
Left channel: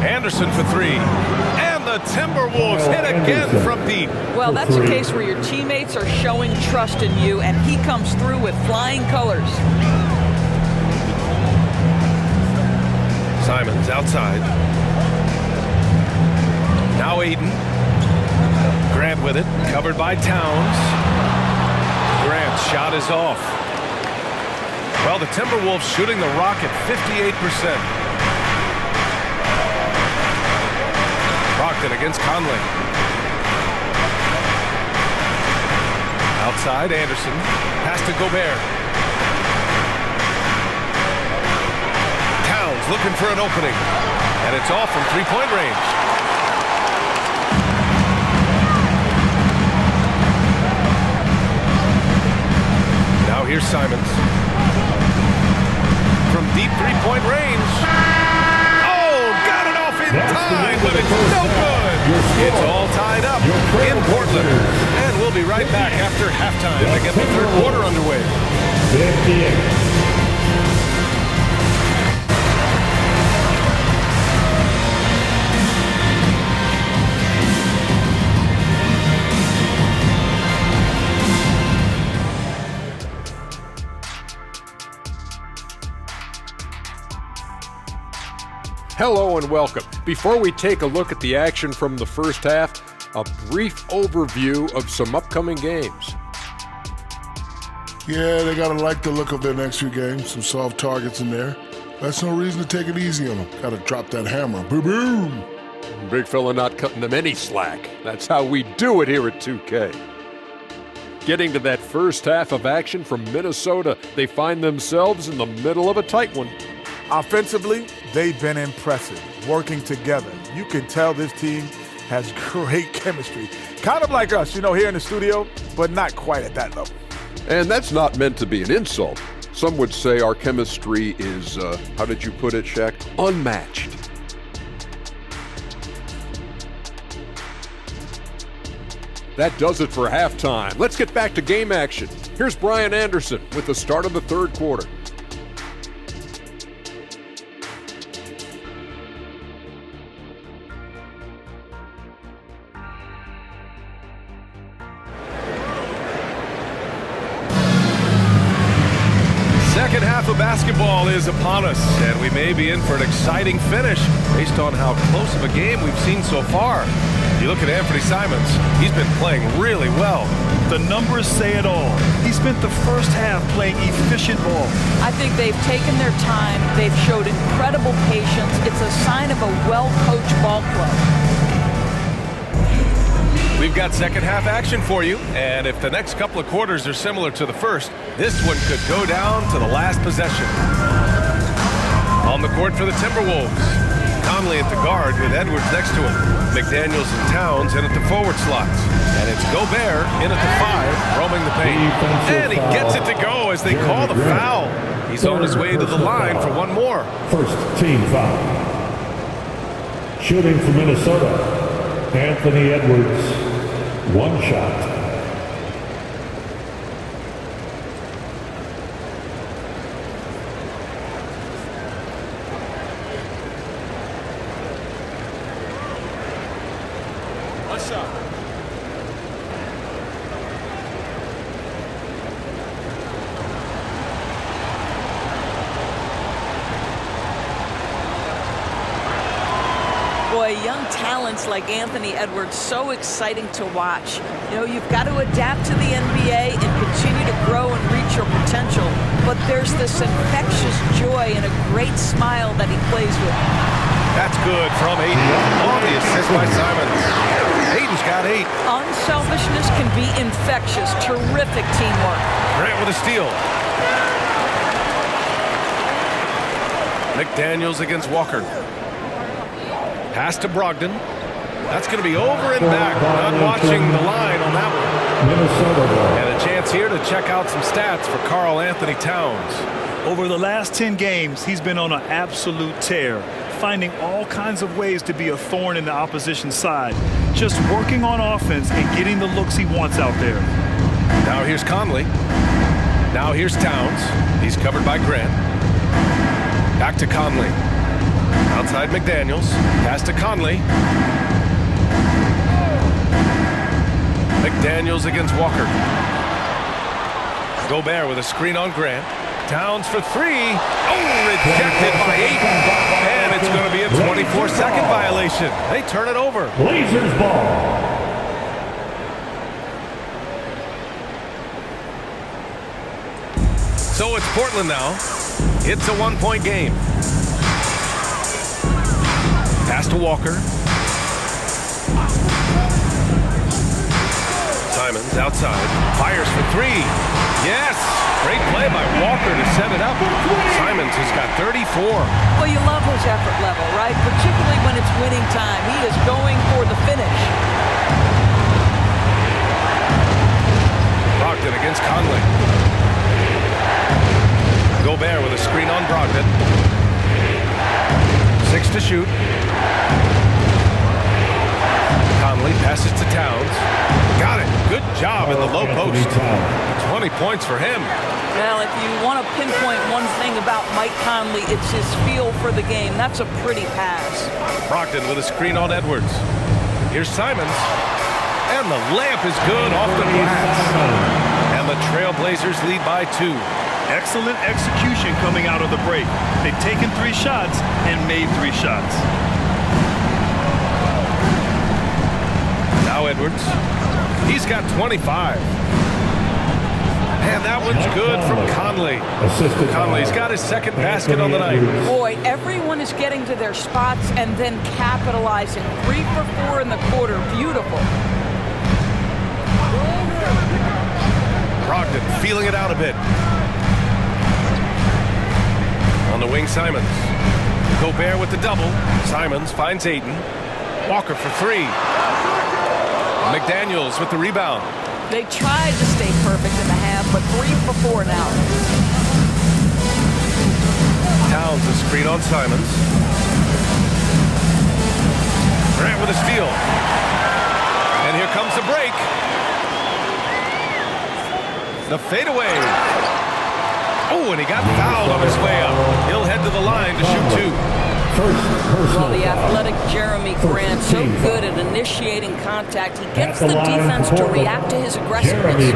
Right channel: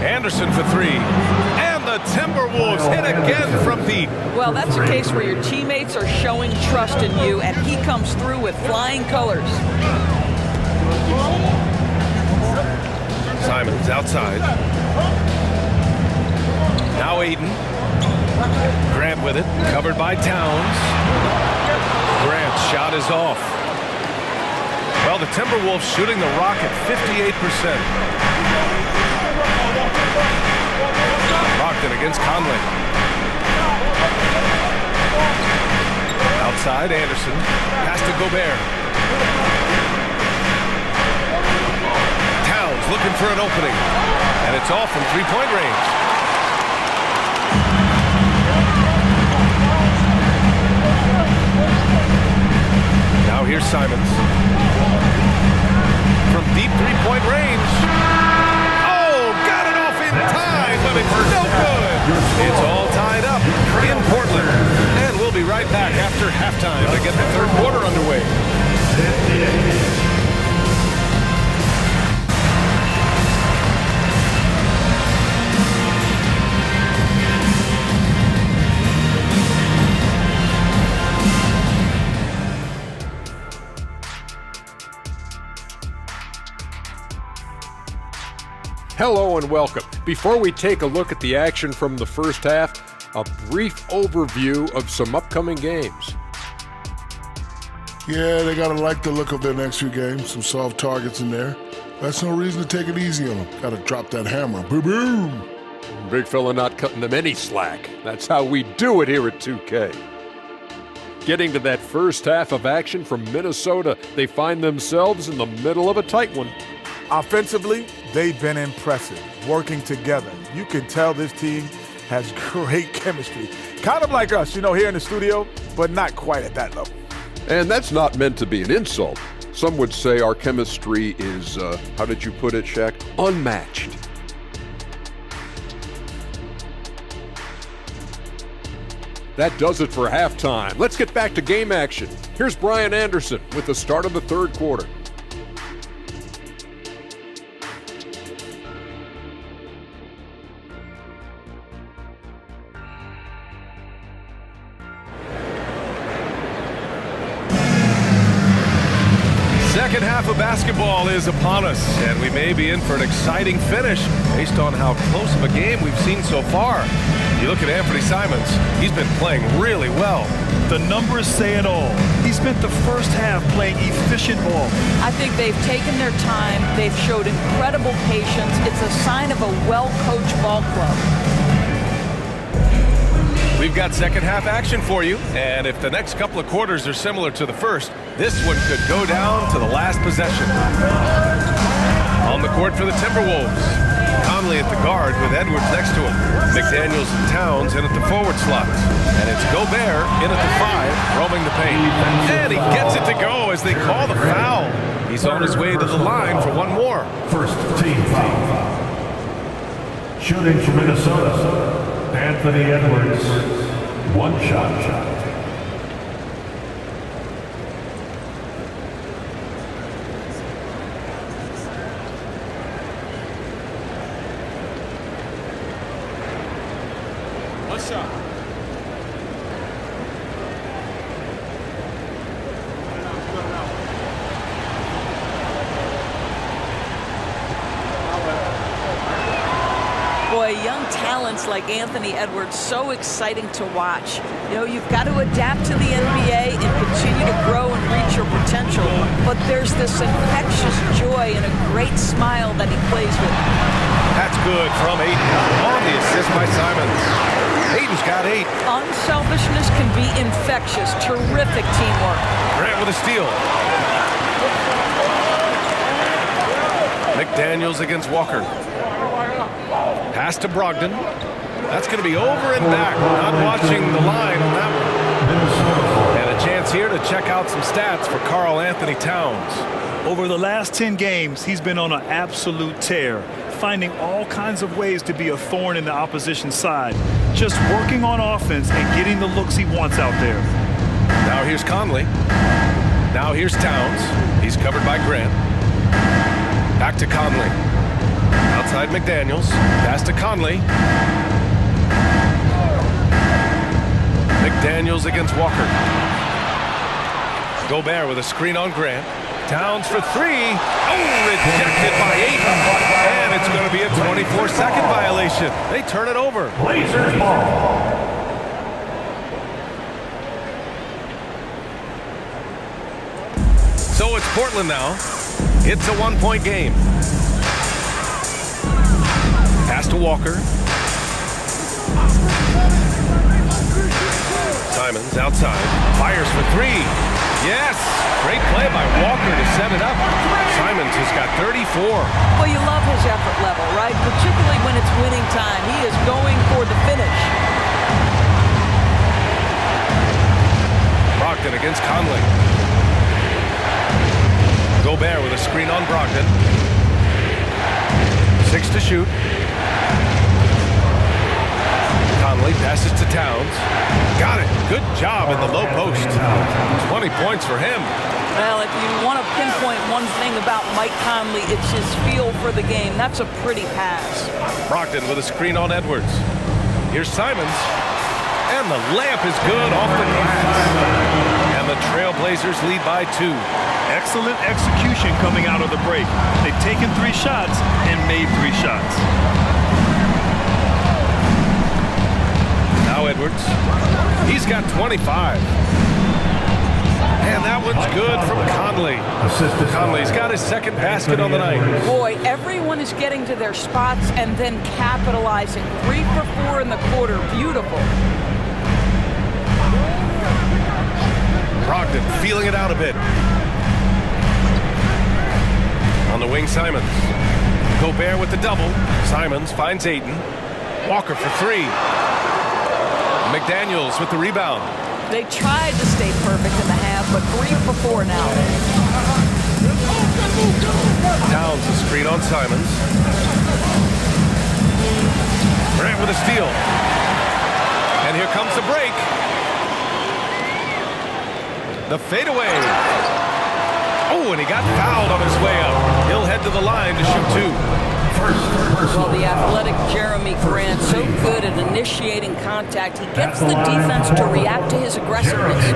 Anderson for 3. And the Timberwolves hit again from deep. Well, that's a case where your teammates are showing trust in you, and he comes through with flying colors. Simons outside. Now Aiden. Grant with it. Covered by Towns. Grant's shot is off. Well, the Timberwolves shooting the rock at 58%. Brogdon against Conley. Outside, Anderson. Pass to Gobert. Towns looking for an opening. And it's off from 3-point range. Now here's Simons. From deep 3-point range. Got it off in time, but it's no good. It's all tied up in Portland. And we'll be right back after halftime to get the third quarter underway. 58. Hello and welcome. Before we take a look at the action from the first half, a brief overview of some upcoming games. Yeah, they gotta like the look of their next few games. Some soft targets in there. That's no reason to take it easy on them. Gotta drop that hammer. Boom, boom. Big fella not cutting them any slack. That's how we do it here at 2K. Getting to that first half of action from Minnesota, they find themselves in the middle of a tight one. Offensively, they've been impressive, working together. You can tell this team has great chemistry. Kind of like us, here in the studio, but not quite at that level. And that's not meant to be an insult. Some would say our chemistry is, how did you put it, Shaq? Unmatched. That does it for halftime. Let's get back to game action. Here's Brian Anderson with the start of the third quarter. basketball is upon us, and we may be in for an exciting finish based on how close of a game we've seen so far. You look at Anthony Simons, he's been playing really well. The numbers say it all. He spent the first half playing efficient ball. I think they've taken their time. They've showed incredible patience. It's a sign of a well-coached ball club. We've got second half action for you, and if the next couple of quarters are similar to the first, this one could go down to the last possession. On the court for the Timberwolves, Conley at the guard with Edwards next to him. McDaniels and Towns in at the forward slots. And it's Gobert in at the 5, roaming the paint. And he gets it to go as they call the foul. He's on his way to the line for one more. First team foul. Shooting for Minnesota, Anthony Edwards. One shot. One shot. Boy, young talents like Anthony Edwards, so exciting to watch. You know, you've got to adapt to the NBA and continue to grow and reach your potential. But there's this infectious joy and a great smile that he plays with. That's good from Ayton on the assist by Simons. Ayton's got 8. Unselfishness can be infectious. Terrific teamwork. Grant with a steal. McDaniels against Walker. Pass to Brogdon. That's going to be over and back. Not watching the line on that one. And a chance here to check out some stats for Karl Anthony Towns. Over the last 10 games, he's been on an absolute tear, finding all kinds of ways to be a thorn in the opposition side, just working on offense and getting the looks he wants out there. Now here's Conley. Now here's Towns. He's covered by Grant. Back to Conley. Outside McDaniels. Pass to Conley. McDaniels against Walker. Gobert with a screen on Grant. Towns for 3. Oh, rejected by Ayton. And it's going to be a 24-second violation. They turn it over. Blazers ball. So it's Portland now. It's a 1-point game. Pass to Walker. Simons outside. Fires for 3. Yes! Great play by Walker to set it up. Simons has got 34. Well, you love his effort level, right? Particularly when it's winning time. He is going for the finish. Brogdon against Conley. Gobert with a screen on Brogdon. 6 to shoot. Conley passes to Towns. Got it. Good job in the low post. 20 points for him. Well, if you want to pinpoint one thing about Mike Conley, it's his feel for the game. That's a pretty pass. Brogdon with a screen on Edwards. Here's Simons. And the layup is good off the glass. And the Trailblazers lead by 2. Excellent execution coming out of the break. They've taken 3 shots and made 3 shots. Now Edwards. He's got 25. And that one's good from Conley. Conley's got his second basket on the night. Boy, everyone is getting to their spots and then capitalizing. 3 for 4 in the quarter. Beautiful. Brogdon feeling it out a bit. On the wing, Simons. Gobert with the double. Simons finds Ayton. Walker for 3. McDaniels with the rebound. They tried to stay perfect in the half, but 3 for 4 now. Towns a screen on Simons. Grant with a steal. And here comes the break. The fadeaway. Oh, and he got fouled on his way up. He'll head to the line to shoot 2. Well, the athletic Jeremy Grant, so good at initiating contact. He gets the defense to react to his aggressiveness.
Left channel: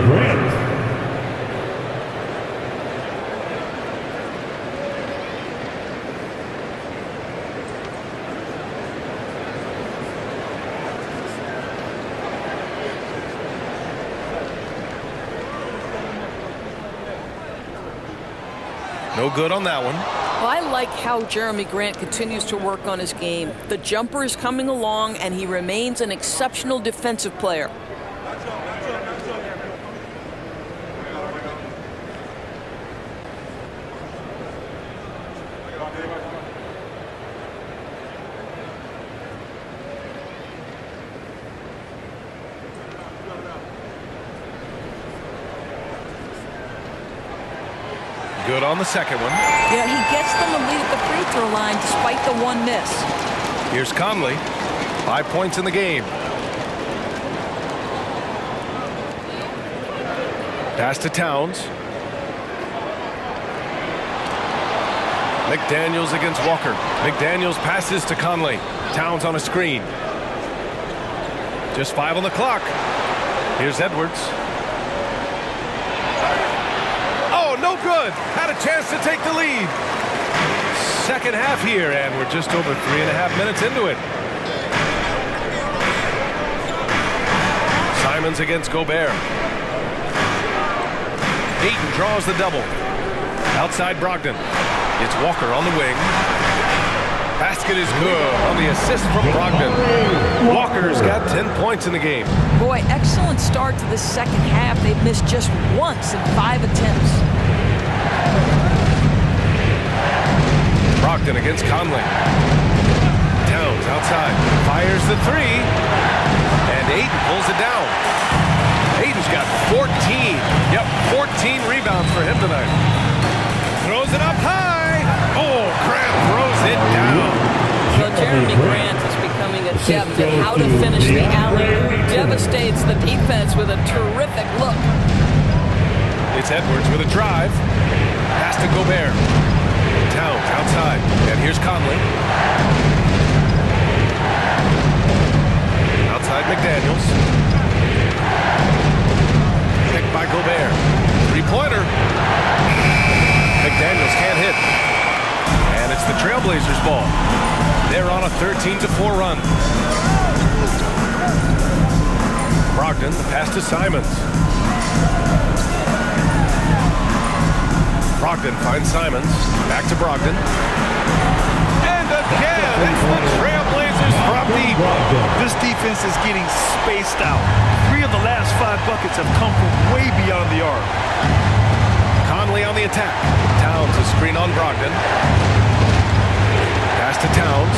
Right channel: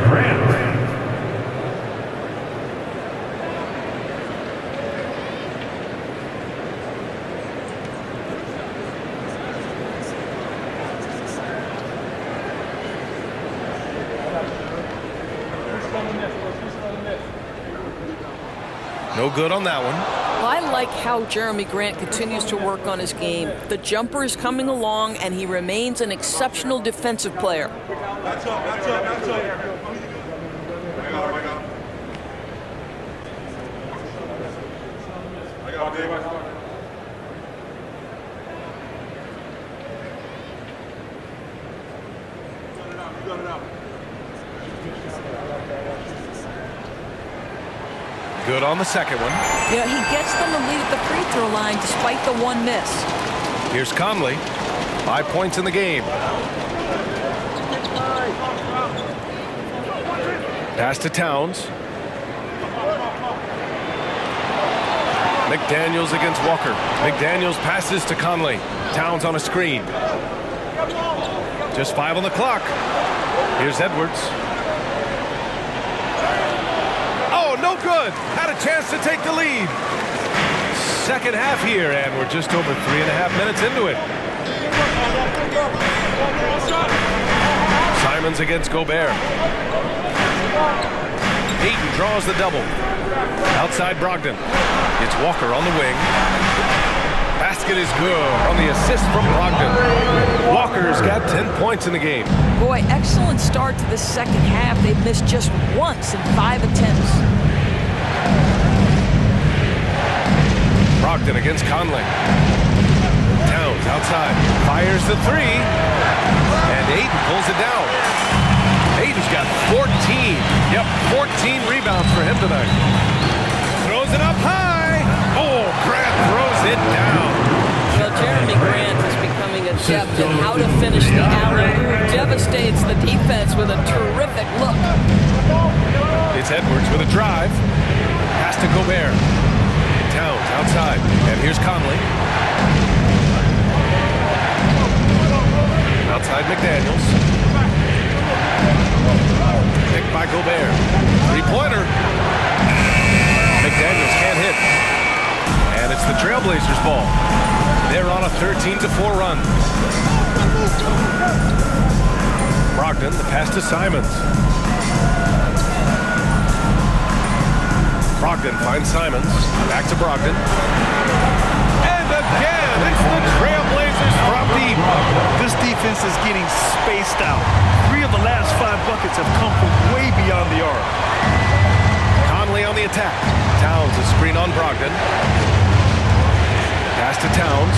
No good on that one. Well, I like how Jeremy Grant continues to work on his game. The jumper is coming along, and he remains an exceptional defensive player. Good on the second one. Yeah, he gets them a lead at the free throw line despite the one miss. Here's Conley. 5 points in the game. Pass to Towns. McDaniels against Walker. McDaniels passes to Conley. Towns on a screen. Just 5 on the clock. Here's Edwards. Oh, no good. Had a chance to take the lead. Second half here, and we're just over 3.5 minutes into it. Simons against Gobert. Ayton draws the double. Outside Brogdon. It's Walker on the wing. Basket is good on the assist from Brogdon. Walker's got 10 points in the game. Boy, excellent start to the second half. They've missed just once in 5 attempts. Brogdon against Conley. Towns outside. Fires the three. And Ayton pulls it down. Ayton's got 14. Yep, 14 rebounds for him tonight. Throws it up high. Oh, Grant throws it down. Well, Jeremy Grant is becoming adept at how to finish the alley-oop. Devastates the defense with a terrific look. It's Edwards with a drive. Pass to Gobert. Towns outside. And here's Conley. Outside McDaniels. Picked by Gobert. Three-pointer. McDaniels can't hit. And it's the Trailblazers' ball. They're on a 13-4 run. Brogdon, the pass to Simons. Brogdon finds Simons. Back to Brogdon. And again, it's the Trailblazers from deep. This defense is getting spaced out. 3 of the last 5 buckets have come from way beyond the arc. Conley on the attack. Towns a screen on Brogdon. Pass to Towns.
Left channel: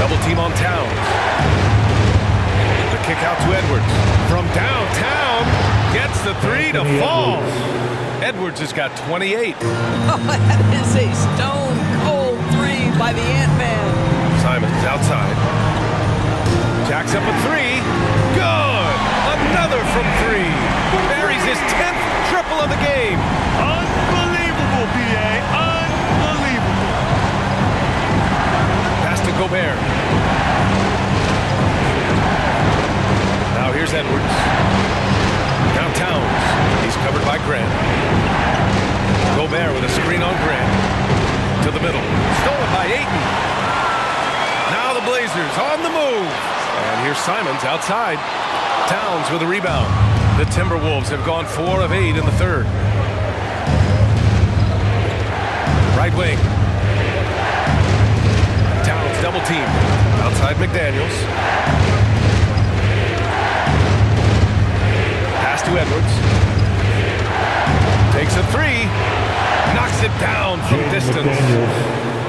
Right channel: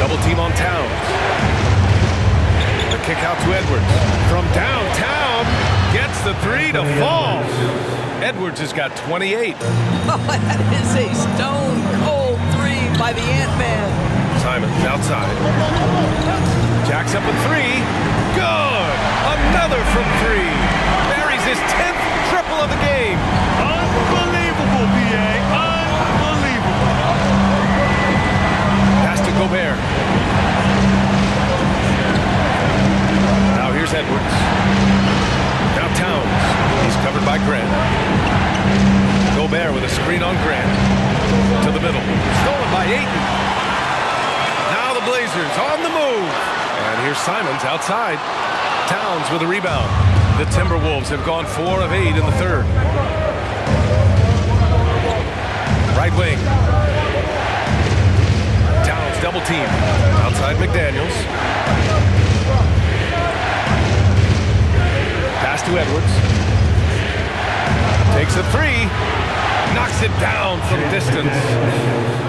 Double team on Towns. The kick out to Edwards. From downtown, gets the three to fall. Edwards has got 28. Oh, that is a stone-cold three by the Ant-Man. Simons outside. Jacks up a three. Good! Another from 3. Buries his 10th triple of the game. Unbelievable, B.A. Unbelievable. Pass to Gobert. Now here's Edwards. Now Towns. He's covered by Grant. Gobert with a screen on Grant. To the middle. Stolen by Ayton. Now the Blazers on the move. And here's Simons outside. Towns with a rebound. The Timberwolves have gone 4 of 8 in the third. Right wing. Towns double team. Outside McDaniels. Pass to Edwards. Takes a 3. Knocks it down from distance.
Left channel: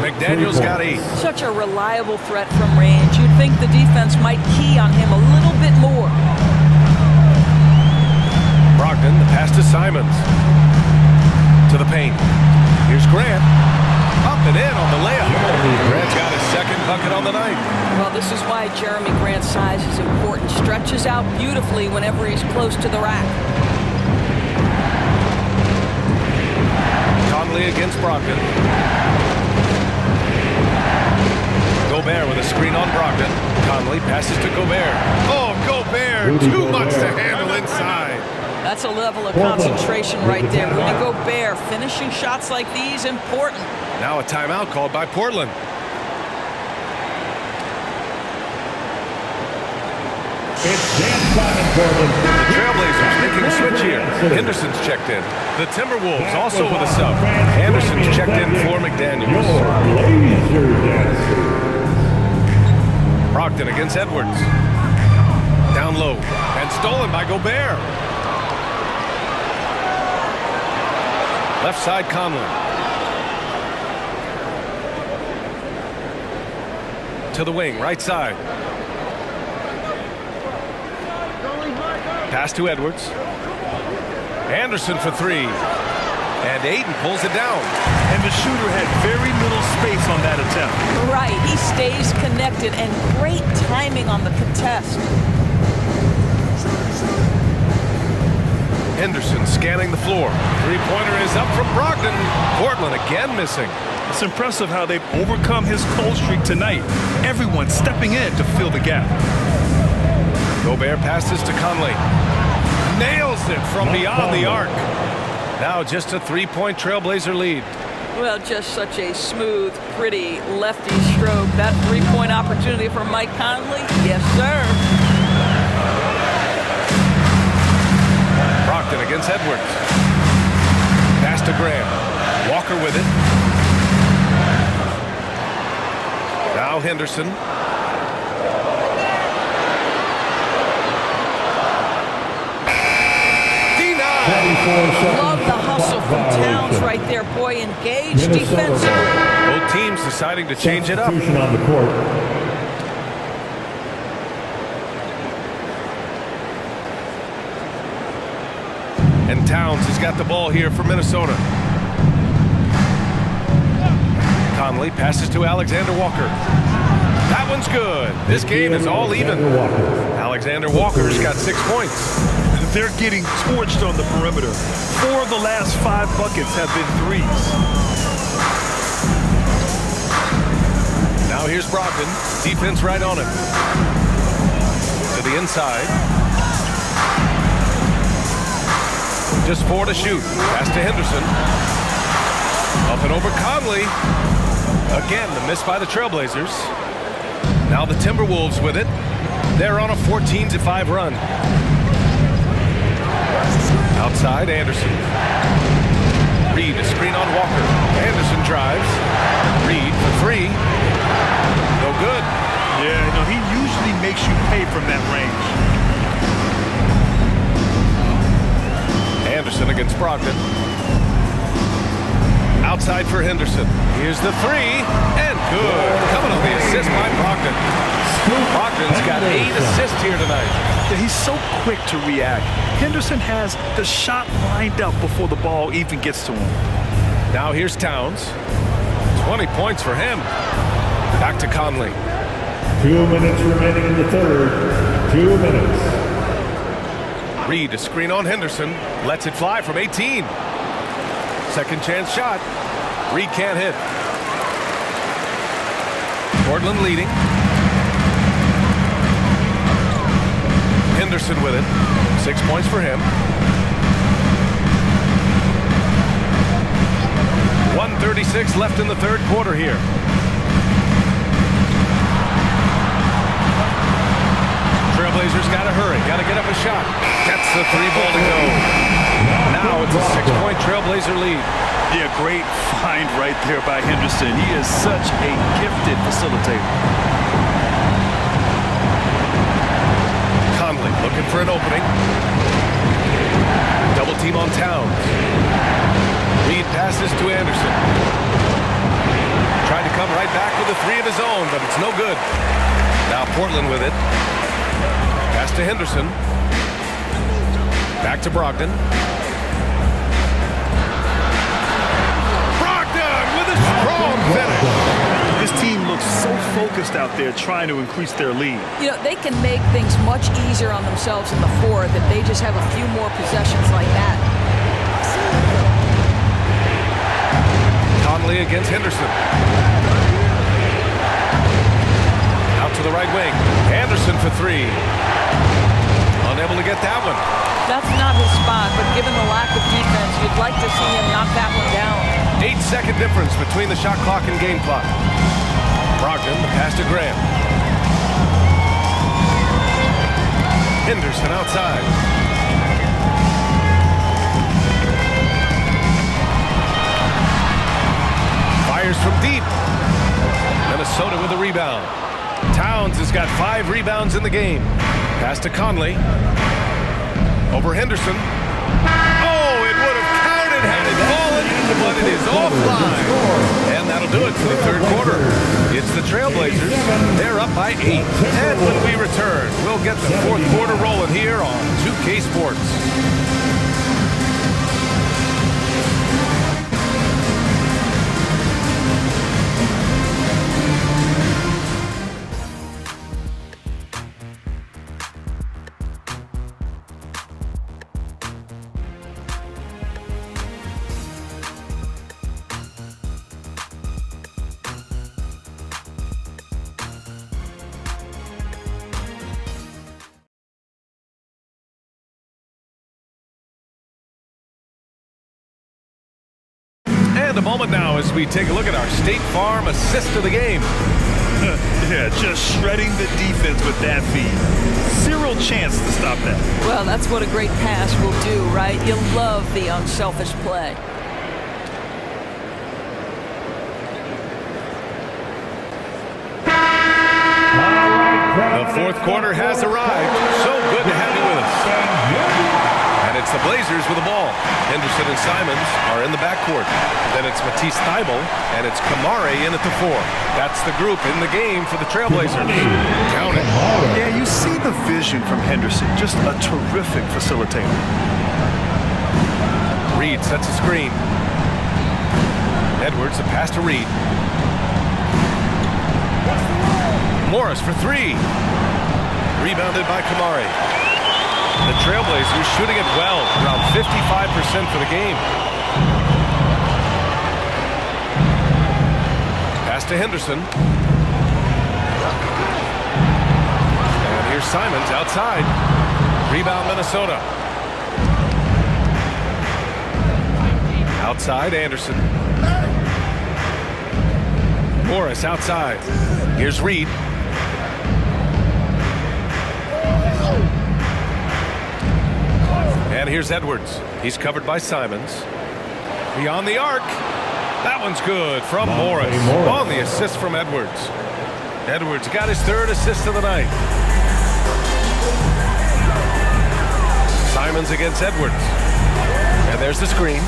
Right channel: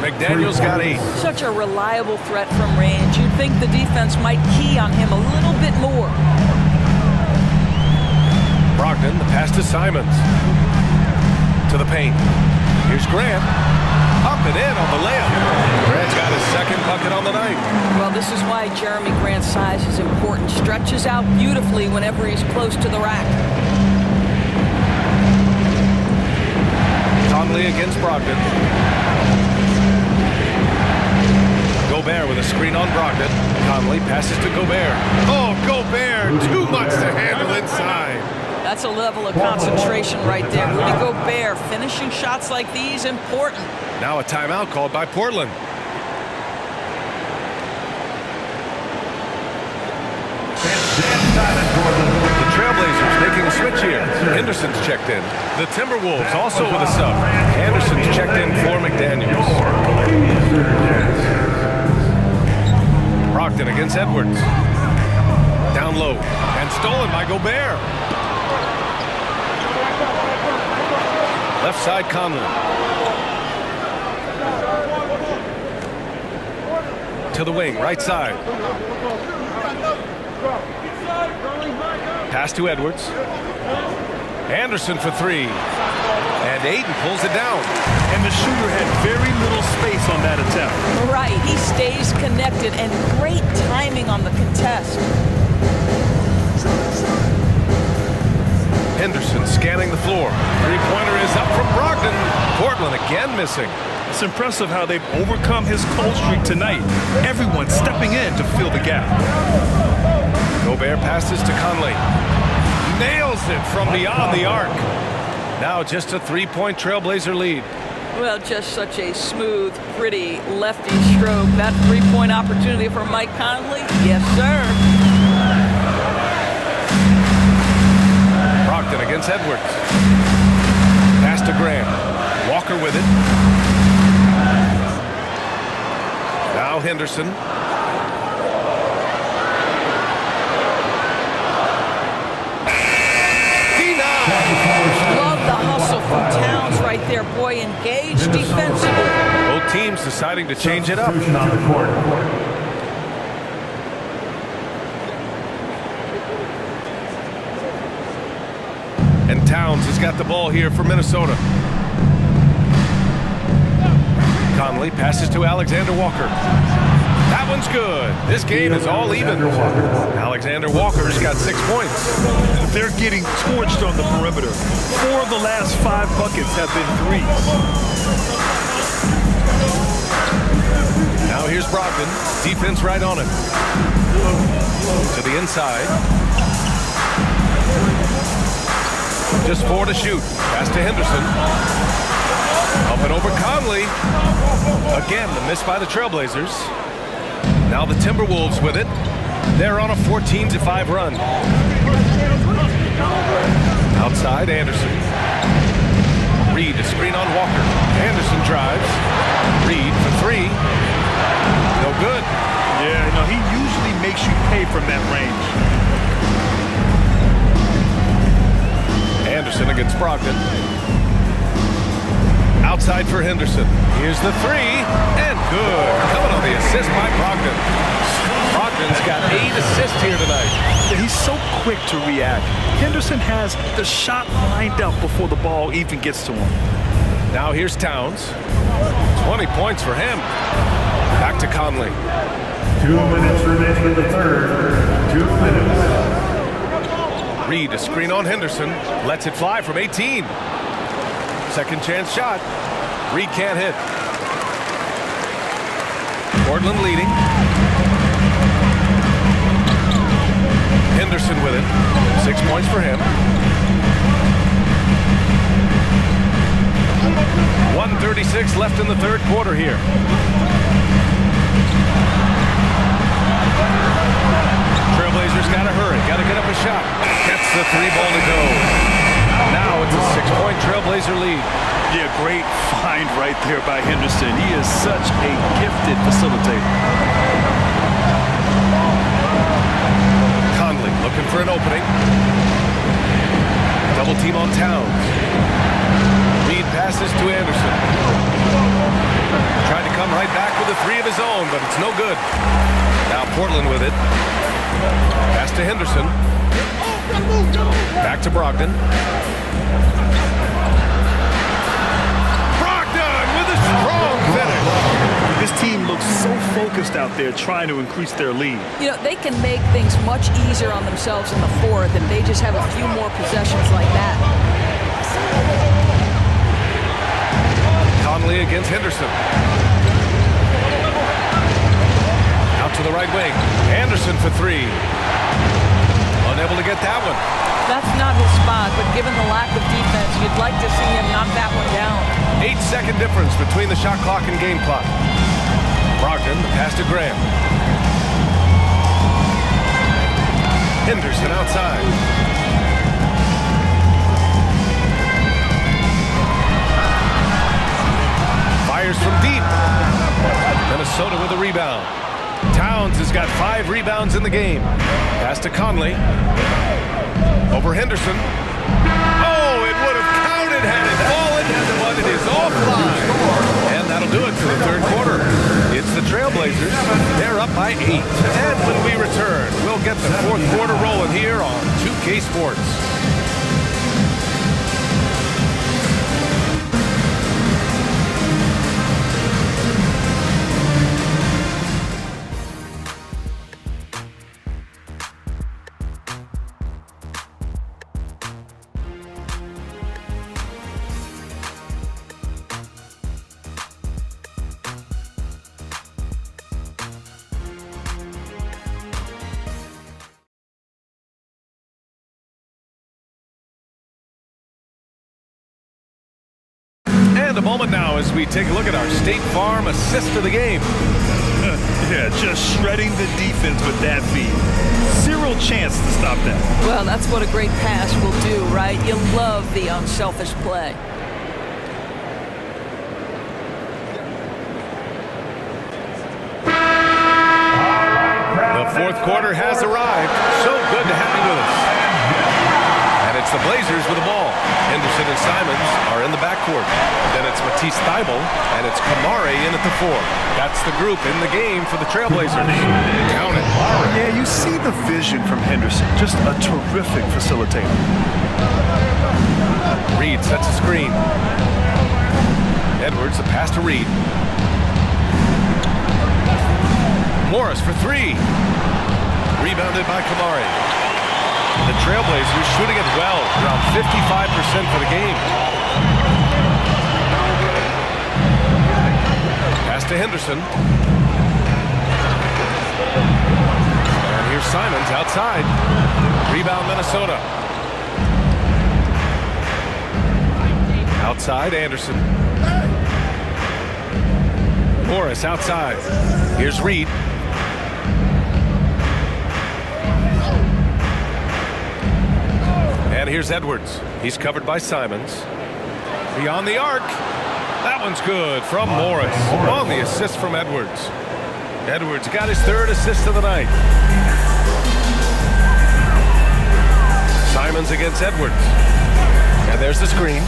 McDaniels got 8. Such a reliable threat from range. You'd think the defense might key on him a little bit more. Brogdon, the pass to Simons. To the paint. Here's Grant. Up and in on the layup. Grant's got his second bucket on the night. Well, this is why Jeremy Grant's size is important. Stretches out beautifully whenever he's close to the rack. Conley against Brogdon. Gobert with a screen on Brogdon. Conley passes to Gobert. Oh, Gobert, too much to handle inside. That's a level of concentration right there. Rudy Gobert finishing shots like these, important. Now a timeout called by Portland. It's Dan Simon, Portland. The Trailblazers making a switch here. Henderson's checked in. The Timberwolves also with a sub. Anderson's checked in for McDaniels. Brogdon against Edwards. Down low and stolen by Gobert. Left side Conley. To the wing, right side. Pass to Edwards. Anderson for three. And Ayton pulls it down. And the shooter had very little space on that attempt. Right, he stays connected, and great timing on the contest. Henderson scanning the floor. Three-pointer is up from Brogdon. Portland again missing. It's impressive how they've overcome his cold streak tonight. Everyone stepping in to fill the gap. Gobert passes to Conley. Nails it from beyond the arc. Now just a three-point Trailblazer lead. Well, just such a smooth, pretty lefty stroke. That three-point opportunity for Mike Conley? Yes, sir. Brogdon against Edwards. Pass to Graham. Walker with it. Now Henderson. Love the hustle from Towns right there. Boy, engaged defensively. Both teams deciding to change it up. On the court. And Towns has got the ball here for Minnesota. Conley passes to Alexander Walker. That one's good. This game is all even. Alexander Walker's got 6 points. They're getting torched on the perimeter. 4 of the last 5 buckets have been threes. Now here's Brogdon. Defense right on him. To the inside. Just 4 to shoot. Pass to Henderson. Up and over Conley. Again, the miss by the Trailblazers. Now the Timberwolves with it. They're on a 14-5 run. Outside, Anderson. Reed, a screen on Walker. Anderson drives. Reed for three. No good. Yeah, you know, he usually makes you pay from that range. Anderson against Brogdon. Outside for Henderson. Here's the three, and good. Coming on the assist by Brogdon. Brogdon's got 8 assists here tonight. Yeah, he's so quick to react. Henderson has the shot lined up before the ball even gets to him. Now here's Towns. 20 points for him. Back to Conley. 2 minutes remaining in the third. 2 minutes. Reed, a screen on Henderson. Lets it fly from 18. Second chance shot. Reed can't hit. Portland leading. Henderson with it. 6 points for him. 1:36 left in the third quarter here. Trailblazers got to hurry. Got to get up a shot. Gets the 3 ball to go. Now it's a 6-point Trailblazer lead. Yeah, great find right there by Henderson. He is such a gifted facilitator. Conley looking for an opening. Double team on Towns. Reed passes to Anderson. Tried to come right back with a 3 of his own, but it's no good. Now Portland with it. Pass to Henderson. Back to Brogdon. Brogdon with a strong finish. This team looks so focused out there trying to increase their lead. You know, they can make things much easier on themselves in the fourth if they just have a few more possessions like that. Conley against Henderson. Out to the right wing. Anderson for 3. Unable to get that one. That's not his spot, but given the lack of defense, you'd like to see him knock that one down. 8-second difference between the shot clock and game clock. Brogdon, the pass to Graham. Henderson outside. Fires from deep. Minnesota with a rebound. Towns has got 5 rebounds in the game. Pass to Conley. Over Henderson. Oh, it would have counted had it fallen, but it is offline. And that'll do it for the third quarter. It's the Trailblazers. They're up by 8. And when we return, we'll get the fourth quarter rolling here on 2K Sports. And a moment now as we take a look at our State Farm assist of the game. Yeah, just shredding the defense with that feed. Zero chance to stop that. Well, that's what a great pass will do, right? You love the unselfish play. The fourth quarter has arrived. So good to have you with us. And it's the Blazers with the ball. Henderson and Simons are in the backcourt. Then it's Matisse Thybulle, and it's Kamare in at the 4. That's the group in the game for the Trailblazers. Count it. Yeah, you see the vision from Henderson. Just a terrific facilitator. Reed sets a screen. Edwards, a pass to Reed. Morris for 3. Rebounded by Kamare. The Trailblazers shooting it well, around 55% for the game. Pass to Henderson. And here's Simons outside. Rebound Minnesota. Outside Anderson. Morris outside. Here's Reed. And here's Edwards. He's covered by Simons. Beyond the arc. That one's good from Morris. On the assist from Edwards. Edwards got his 3rd assist of the night. Simons against Edwards. And there's the screen.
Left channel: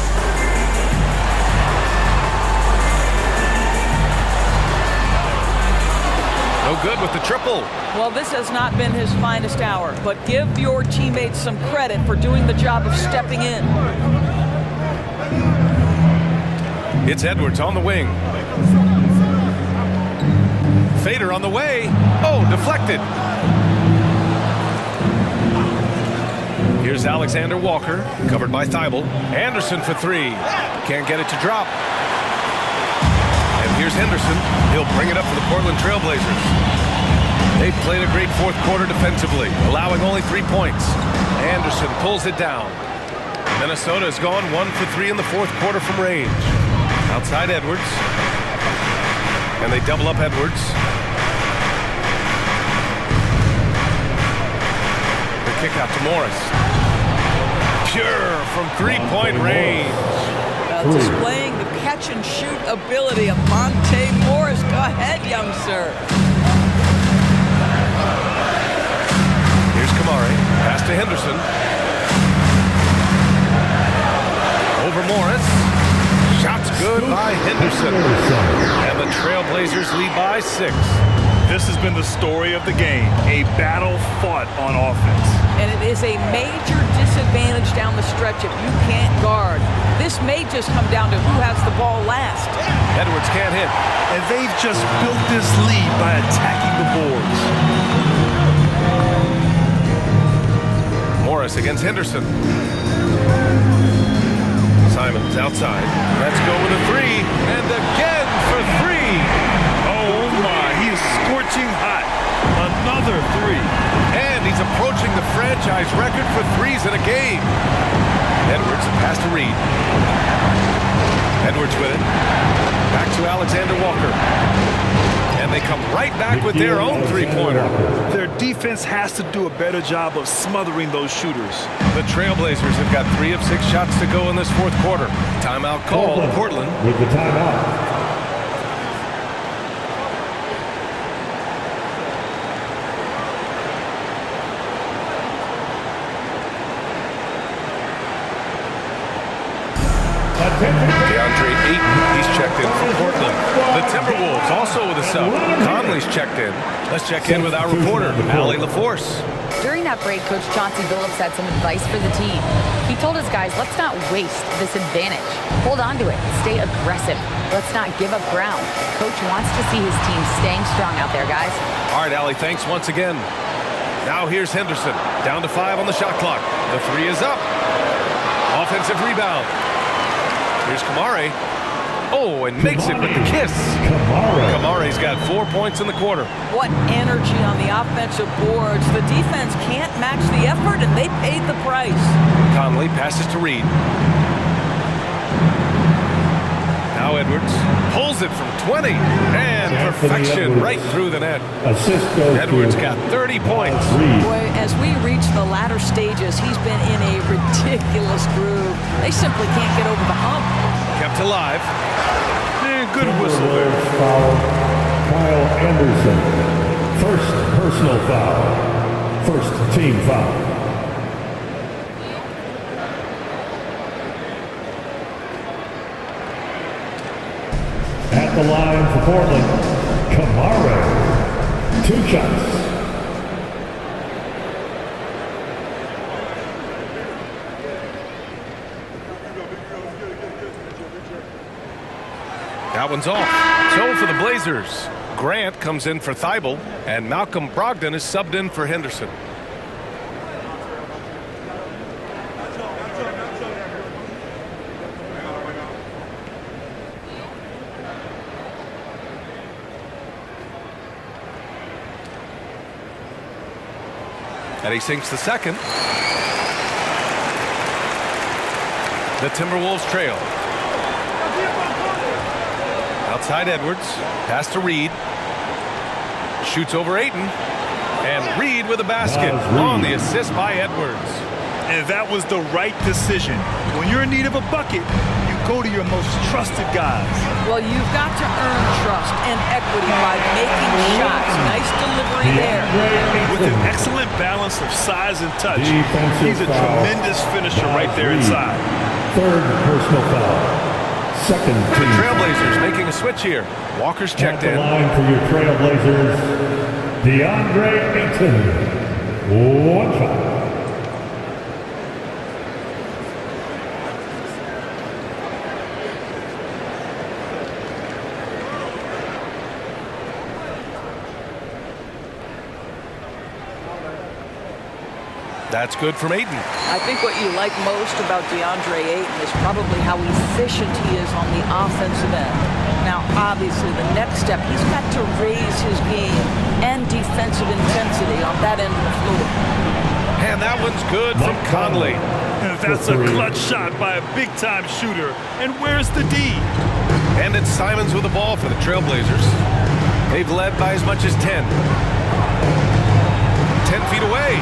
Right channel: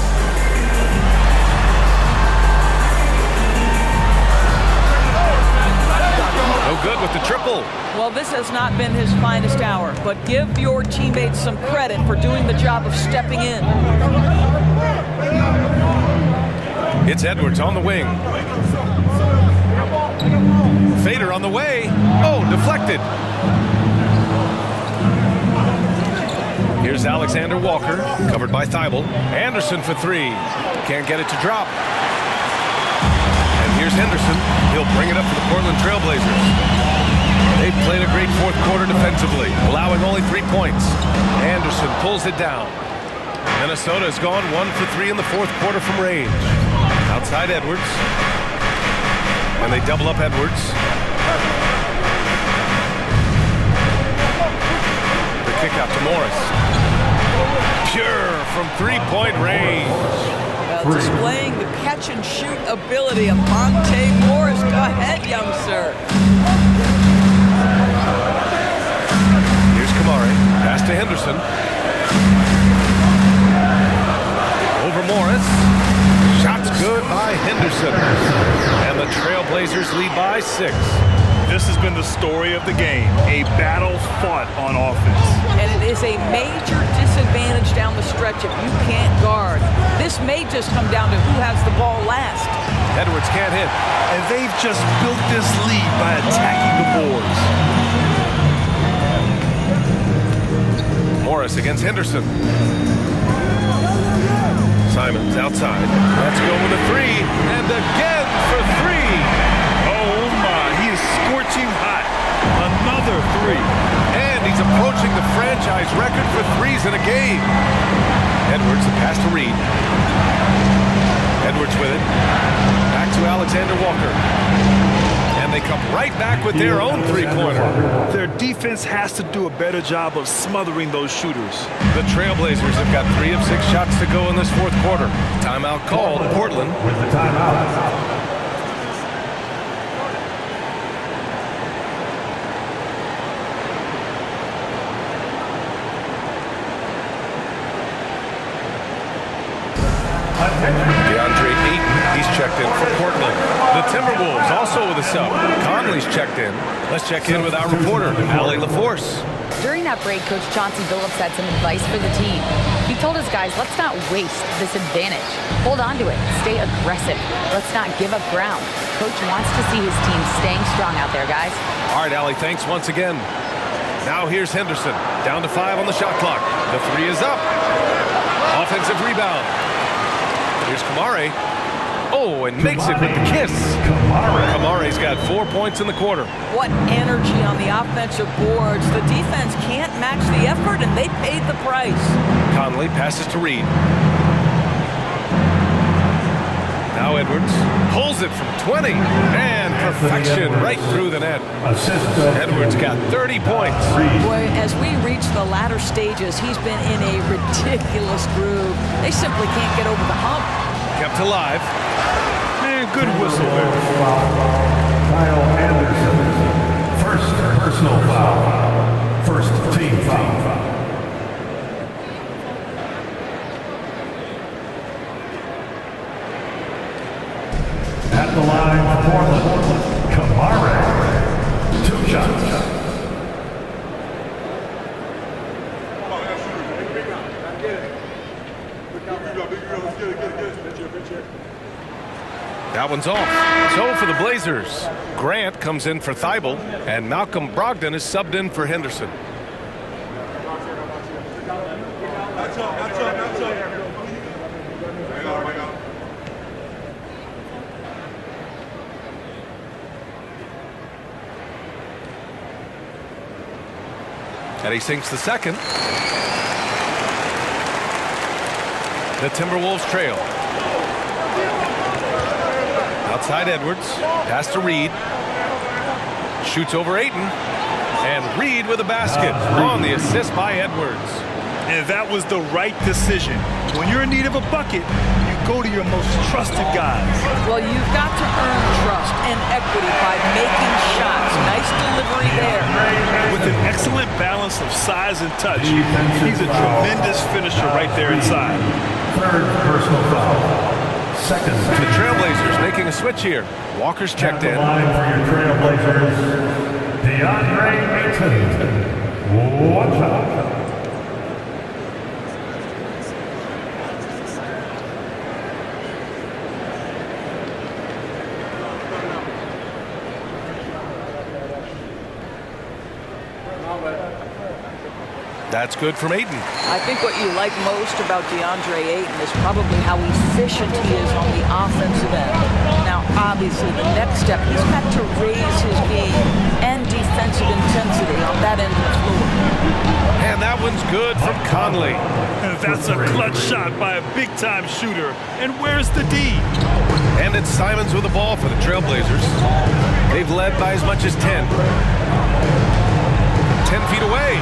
No good with the triple. Well, this has not been his finest hour, but give your teammates some credit for doing the job of stepping in. It's Edwards on the wing. Fader on the way. Oh, deflected. Here's Alexander Walker, covered by Thybulle. Anderson for 3. Can't get it to drop. And here's Henderson. He'll bring it up for the Portland Trailblazers. They've played a great fourth quarter defensively, allowing only 3 points. Anderson pulls it down. Minnesota has gone 1 for 3 in the fourth quarter from range. Outside Edwards. And they double up Edwards. The kick out to Morris. Pure from 3-point range. Displaying the catch-and-shoot ability of Monte Morris. Go ahead, young sir. Here's Kamare. Pass to Henderson. Over Morris. Shots good by Henderson. And the Trailblazers lead by 6. This has been the story of the game. A battle fought on offense. And it is a major disadvantage down the stretch if you can't guard. This may just come down to who has the ball last. Edwards can't hit. And they've just built this lead by attacking the boards. Morris against Henderson. Simons outside. Let's go with a 3. And again for 3. Oh my, he is scorching hot. Another 3. And he's approaching the franchise record for 3s in a game. Edwards, a pass to Reed. Edwards with it. Back to Alexander Walker. And they come right back with their own 3-pointer. Their defense has to do a better job of smothering those shooters. The Trailblazers have got 3 of 6 shots to go in this fourth quarter. Timeout called. Portland with the timeout. DeAndre Ayton, he's checked in for Portland. The Timberwolves also with a sub. Conley's checked in. Let's check in with our reporter, Allie LaForce. During that break, Coach Chauncey Billups had some advice for the team. He told his guys, let's not waste this advantage. Hold on to it. Stay aggressive. Let's not give up ground. Coach wants to see his team staying strong out there, guys. All right, Allie, thanks once again. Now here's Henderson. Down to 5 on the shot clock. The 3 is up. Offensive rebound. Here's Kamare. Oh, and makes it with the kiss. Kamare's got 4 points in the quarter. What energy on the offensive boards. The defense can't match the effort, and they paid the price. Conley passes to Reed. Now Edwards pulls it from 20. And perfection right through the net. Edwards got 30 points. Boy, as we reach the latter stages, he's been in a ridiculous groove. They simply can't get over the hump. Kept alive. Man, good whistle there. Foul. Kyle Anderson. First personal foul. First team foul. At the line for Portland, Kamare. 2 shots. That one's off. So for the Blazers, Grant comes in for Thibault, and Malcolm Brogdon is subbed in for Henderson. And he sinks the second. The Timberwolves trail. Outside Edwards, pass to Reed. Shoots over Ayton. And Reed with a basket on the assist by Edwards. And that was the right decision. When you're in need of a bucket, you go to your most trusted guys. Well, you've got to earn trust and equity by making shots. Nice delivery there. With an excellent balance of size and touch, he's a tremendous finisher right there inside. Third personal foul. Second The team. Trailblazers making a switch here. Walker's checked in. At the line for your Trailblazers, DeAndre Ayton. 1 shot. That's good from Ayton. I think what you like most about DeAndre Ayton is probably how efficient he is on the offensive end. Now, obviously, the next step, he's got to raise his game and defensive intensity on that end of the floor. And that one's good from Conley. And that's a clutch shot by a big-time shooter. And where's the D? And it's Simons with the ball for the Trailblazers. They've led by as much as 10. 10 feet away.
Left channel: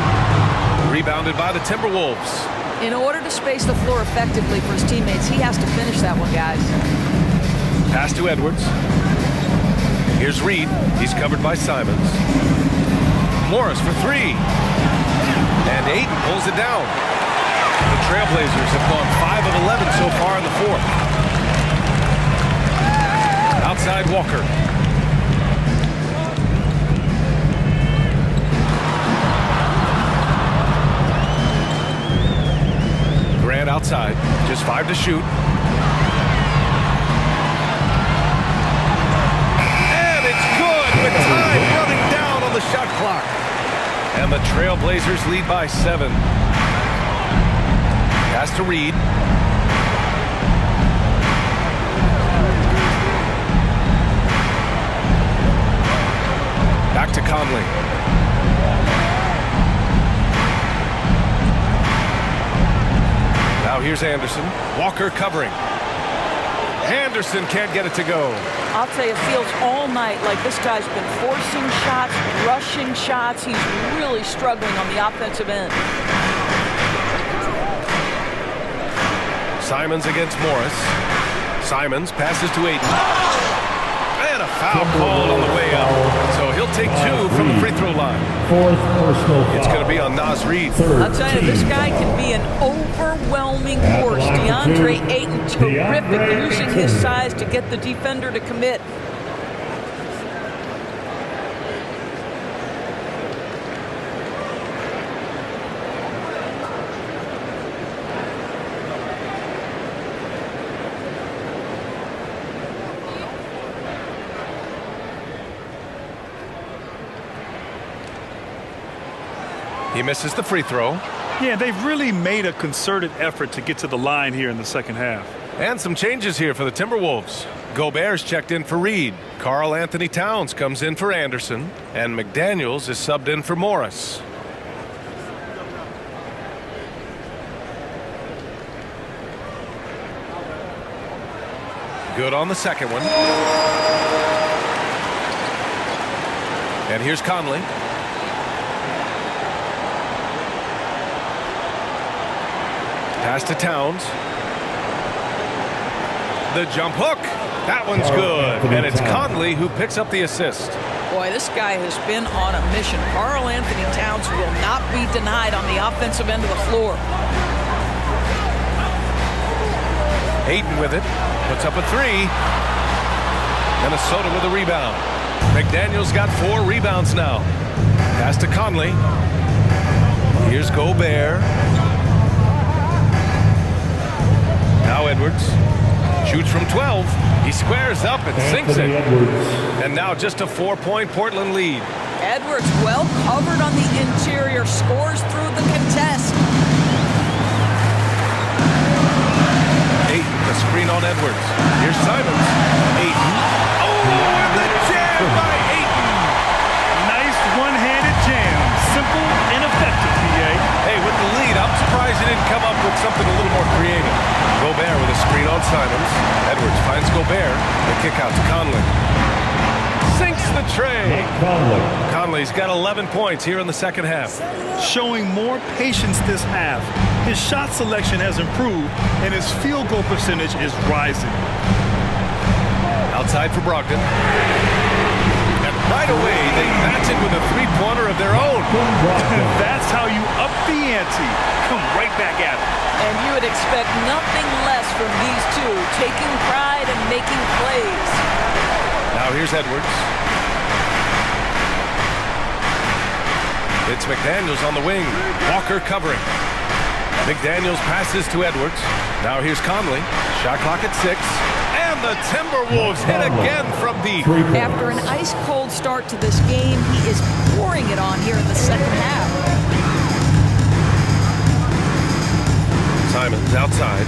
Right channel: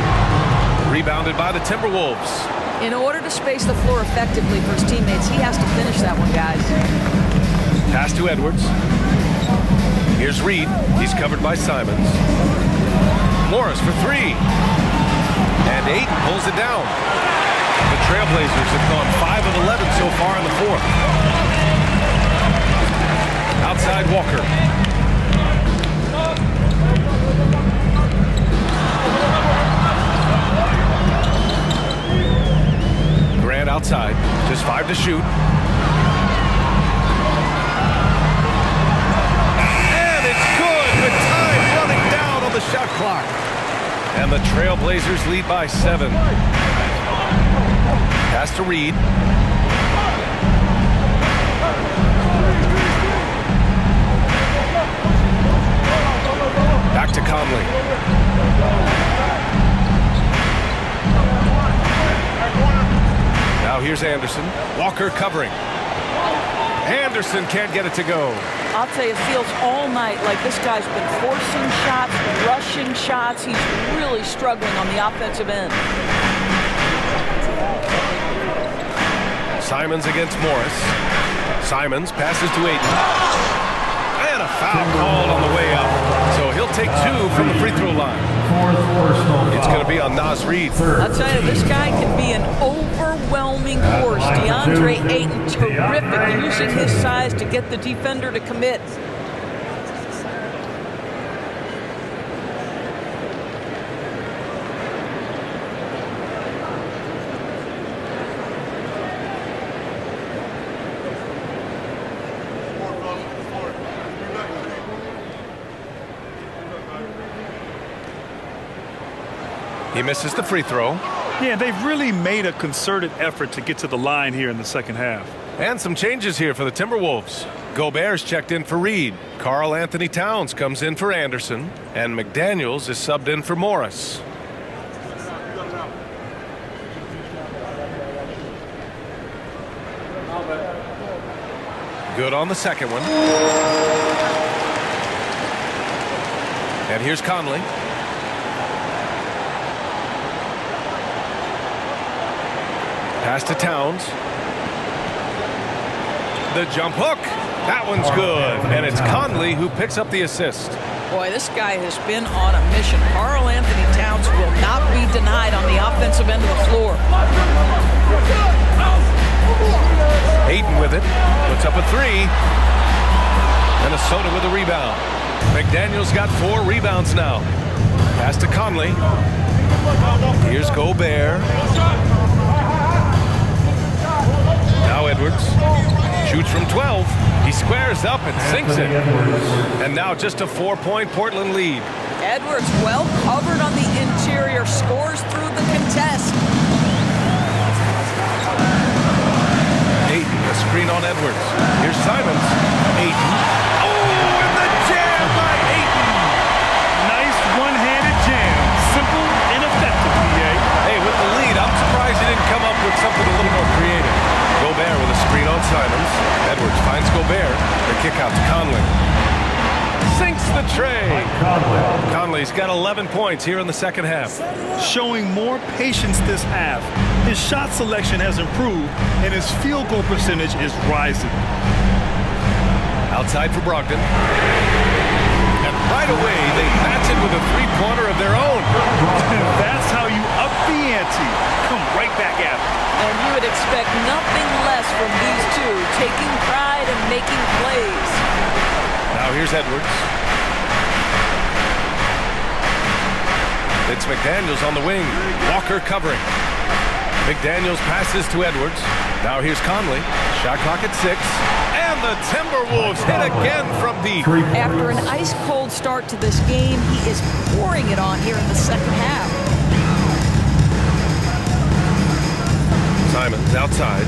Rebounded by the Timberwolves. In order to space the floor effectively for his teammates, he has to finish that one, guys. Pass to Edwards. Here's Reed. He's covered by Simons. Morris for 3. And Ayton pulls it down. The Trailblazers have gone 5 of 11 so far in the fourth. Outside Walker. Grant outside, just 5 to shoot. And it's good with time running down on the shot clock. And the Trailblazers lead by 7. Pass to Reed. Back to Conley. Now here's Anderson. Walker covering. Anderson can't get it to go. I'll tell you, it feels all night like this guy's been forcing shots, rushing shots. He's really struggling on the offensive end. Simons against Morris. Simons passes to Ayton. And a foul called on the way up. So he'll take 2 from the free throw line. Fourth personal foul. It's going to be on Naz Reid. I'll tell you, this guy can be an overwhelming force. DeAndre Ayton, terrific, using his size to get the defender to commit. He misses the free throw. Yeah, they've really made a concerted effort to get to the line here in the second half. And some changes here for the Timberwolves. Gobert's checked in for Reed. Karl Anthony Towns comes in for Anderson. And McDaniels is subbed in for Morris. Good on the second one. And here's Conley. Pass to Towns. The jump hook. That one's good. And it's Conley who picks up the assist. Boy, this guy has been on a mission. Karl Anthony Towns will not be denied on the offensive end of the floor. Ayton with it. Puts up a 3. Minnesota with a rebound. McDaniels got 4 rebounds now. Pass to Conley. Here's Gobert. Now Edwards shoots from 12. He squares up and sinks it. And now just a 4-point Portland lead. Edwards well covered on the interior, scores through the contest. Ayton, the screen on Edwards. Here's Simons. Ayton. Oh, and the jam by Ayton. Nice one-handed jam. Simple and effective, PA. Hey, with the lead, I'm surprised he didn't come up with something a little more creative. Gobert with a screen on Simons. Edwards finds Gobert. The kick out to Conley. Sinks the tray. Conley's got 11 points here in the second half. Showing more patience this half. His shot selection has improved, and his field goal percentage is rising. Outside for Brogdon. And right away, they match it with a three-pointer of their own. That's how you up the ante. Come right back at him. And you would expect nothing less from these two, taking pride and making plays. Now here's Edwards. It's McDaniels on the wing. Walker covering. McDaniels passes to Edwards. Now here's Conley. Shot clock at 6. And the Timberwolves hit again from deep. After an ice-cold start to this game, he is pouring it on here in the second half. Simons outside.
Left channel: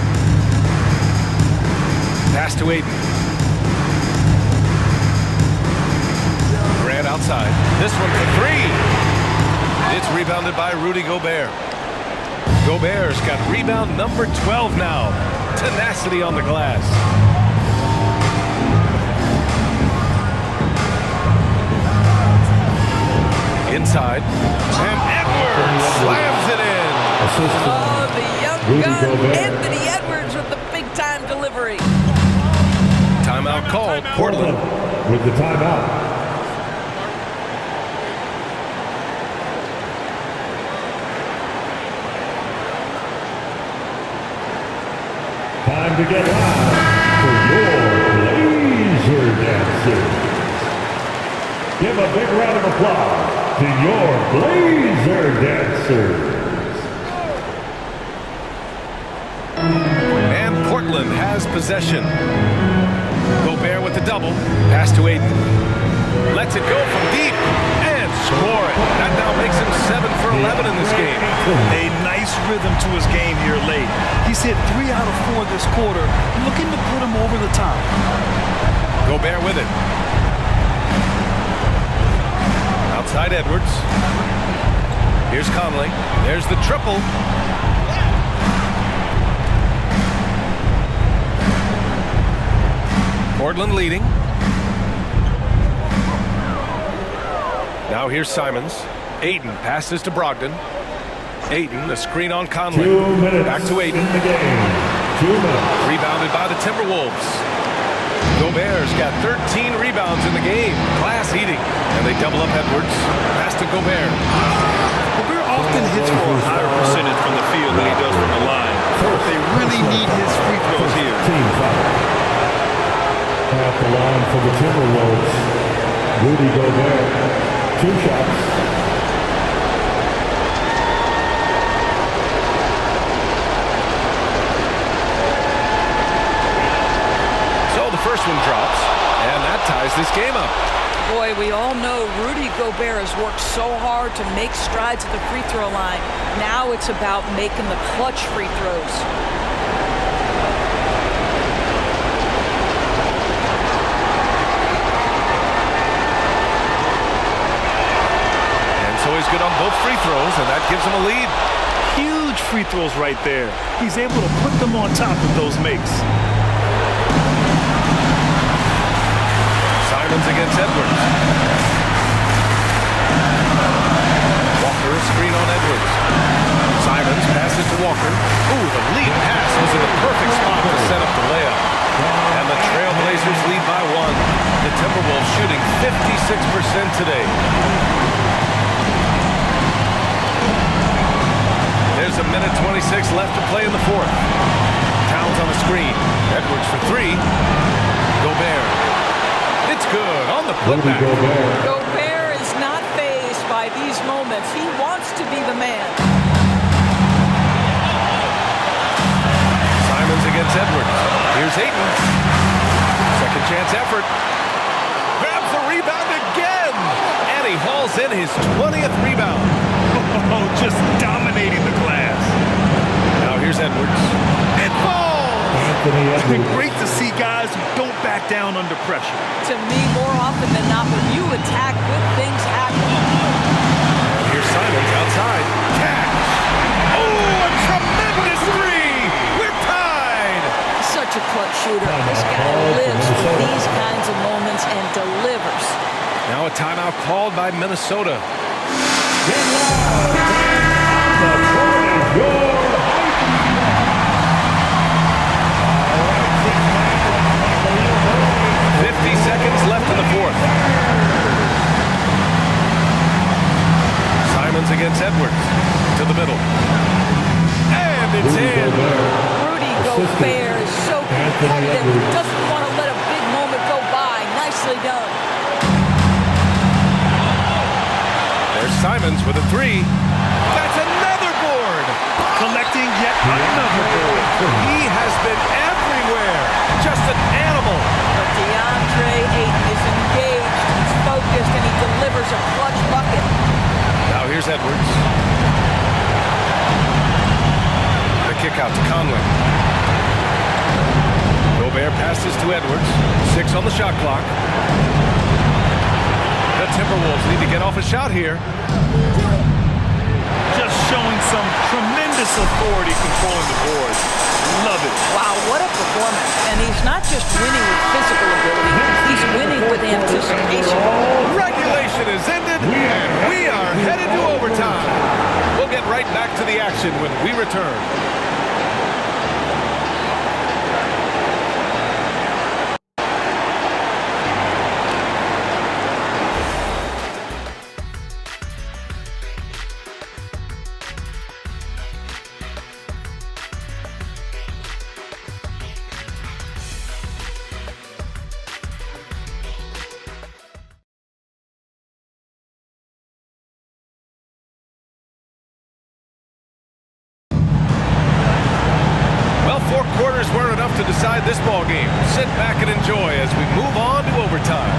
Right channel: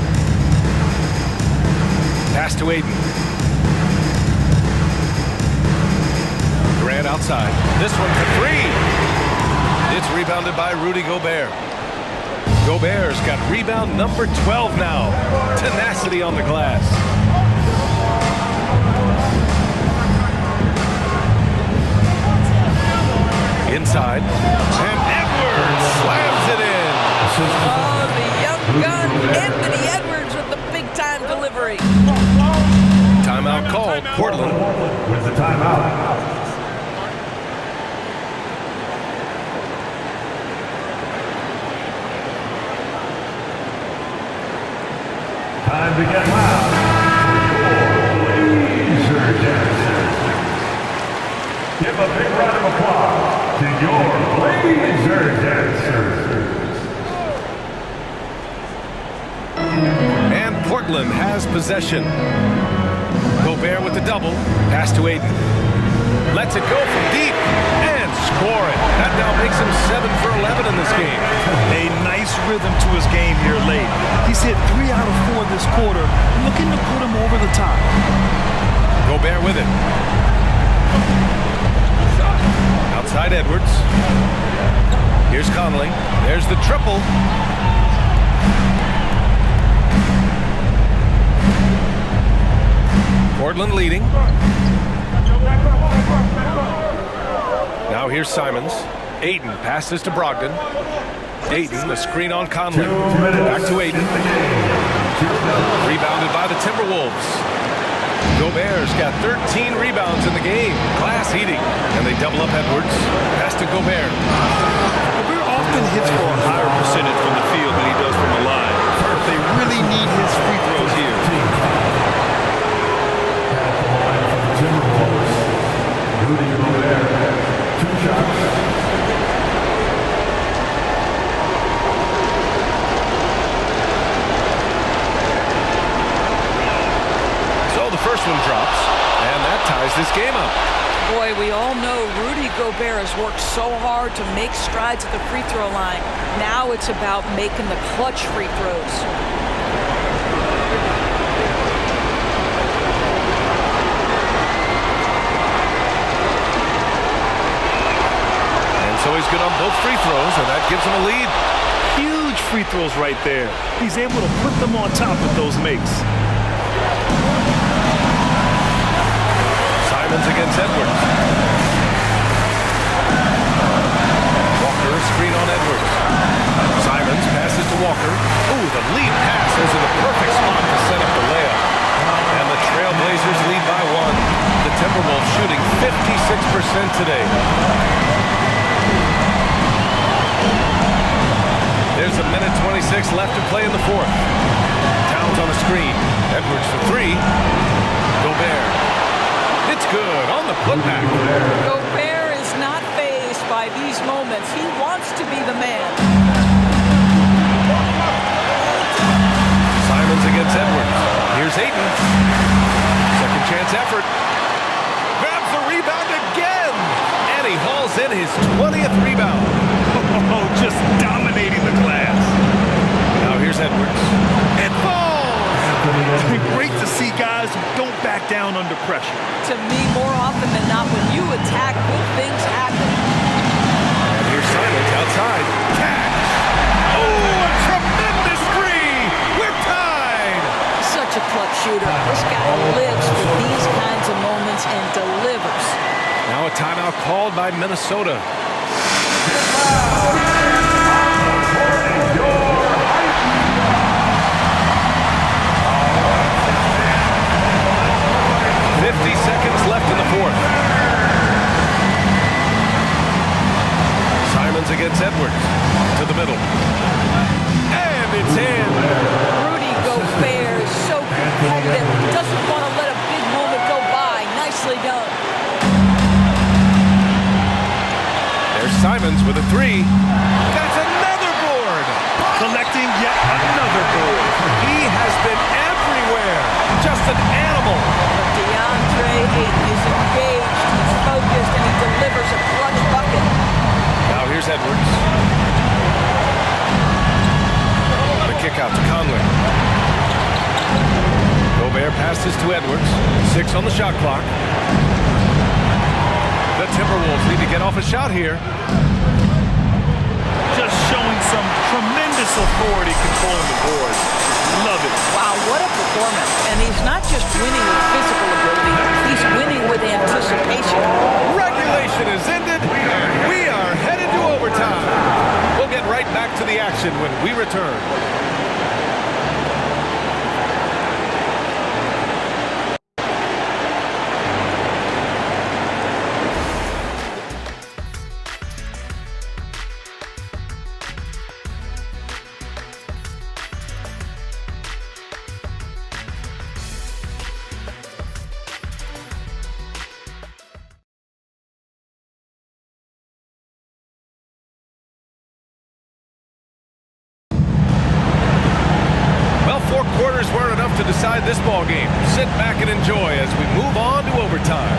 Pass to Ayton. Grant outside. This one for 3. It's rebounded by Rudy Gobert. Gobert's got rebound number 12 now. Tenacity on the glass. Inside. And Edwards slams it in. Oh, the young gun, Anthony Edwards with the big-time delivery. Timeout called. Portland with the timeout. Time to get loud for your Blazer dancers. Give a big round of applause to your Blazer dancers. And Portland has possession. Gobert with the double. Pass to Ayton. Lets it go from deep and score it. That now makes him 7 for 11 in this game. A nice rhythm to his game here late. He's hit 3 out of 4 this quarter, looking to put him over the top. Gobert with it. Outside Edwards. Here's Conley. There's the triple. Portland leading. Now here's Simons. Ayton passes to Brogdon. Ayton, the screen on Conley. Back to Ayton. Rebounded by the Timberwolves. Gobert's got 13 rebounds in the game. Class eating. And they double up Edwards. Pass to Gobert. Gobert often hits for a higher percentage from the field than he does from the line. But they really need his free throws here. Team foul. At the line for the Timberwolves, Rudy Gobert, 2 shots. So the first one drops, and that ties this game up. Boy, we all know Rudy Gobert has worked so hard to make strides at the free throw line. Now it's about making the clutch free throws. And so he's good on both free throws, and that gives him a lead. Huge free throws right there. He's able to put them on top with those makes. Simons against Edwards. Walker, screen on Edwards. Simons passes to Walker. Ooh, the lead pass was in the perfect spot to set up the layup. And the Trailblazers lead by 1. The Timberwolves shooting 56% today. There's a minute 26 left to play in the fourth. Towns on the screen. Edwards for 3. Gobert. It's good on the putback. Gobert is not fazed by these moments. He wants to be the man. Simons against Edwards. Here's Ayton. Second chance effort. Grabs the rebound again. And he hauls in his 20th rebound. Oh, just dominating the glass. Now here's Edwards. It falls. Great to see guys who don't back down under pressure. To me, more often than not, when you attack, good things happen. And here's Simons outside. Cash. Oh, a tremendous 3. We're tied. Such a clutch shooter. This guy lives for these kinds of moments and delivers. Now a timeout called by Minnesota. Get loud. On the court is your 50 seconds left in the fourth. Simons against Edwards. To the middle. And it's in. Rudy Gobert is so competitive. Doesn't want to let a big moment go by. Nicely done. There's Simons with a 3. That's another board. Collecting yet another board. He has been everywhere. Just an animal. But DeAndre Ayton is engaged. He's focused, and he delivers a clutch bucket. Now here's Edwards. The kick out to Conley. Gobert passes to Edwards. 6 on the shot clock. The Timberwolves need to get off a shot here. Just showing some tremendous authority controlling the boards. Love it. Wow, what a performance. And he's not just winning with physical ability, he's winning with anticipation. Regulation is ended, and we are headed to overtime. We'll get right back to the action when we return. Well, 4 quarters weren't enough to decide this ball game. Sit back and enjoy as we move on to overtime.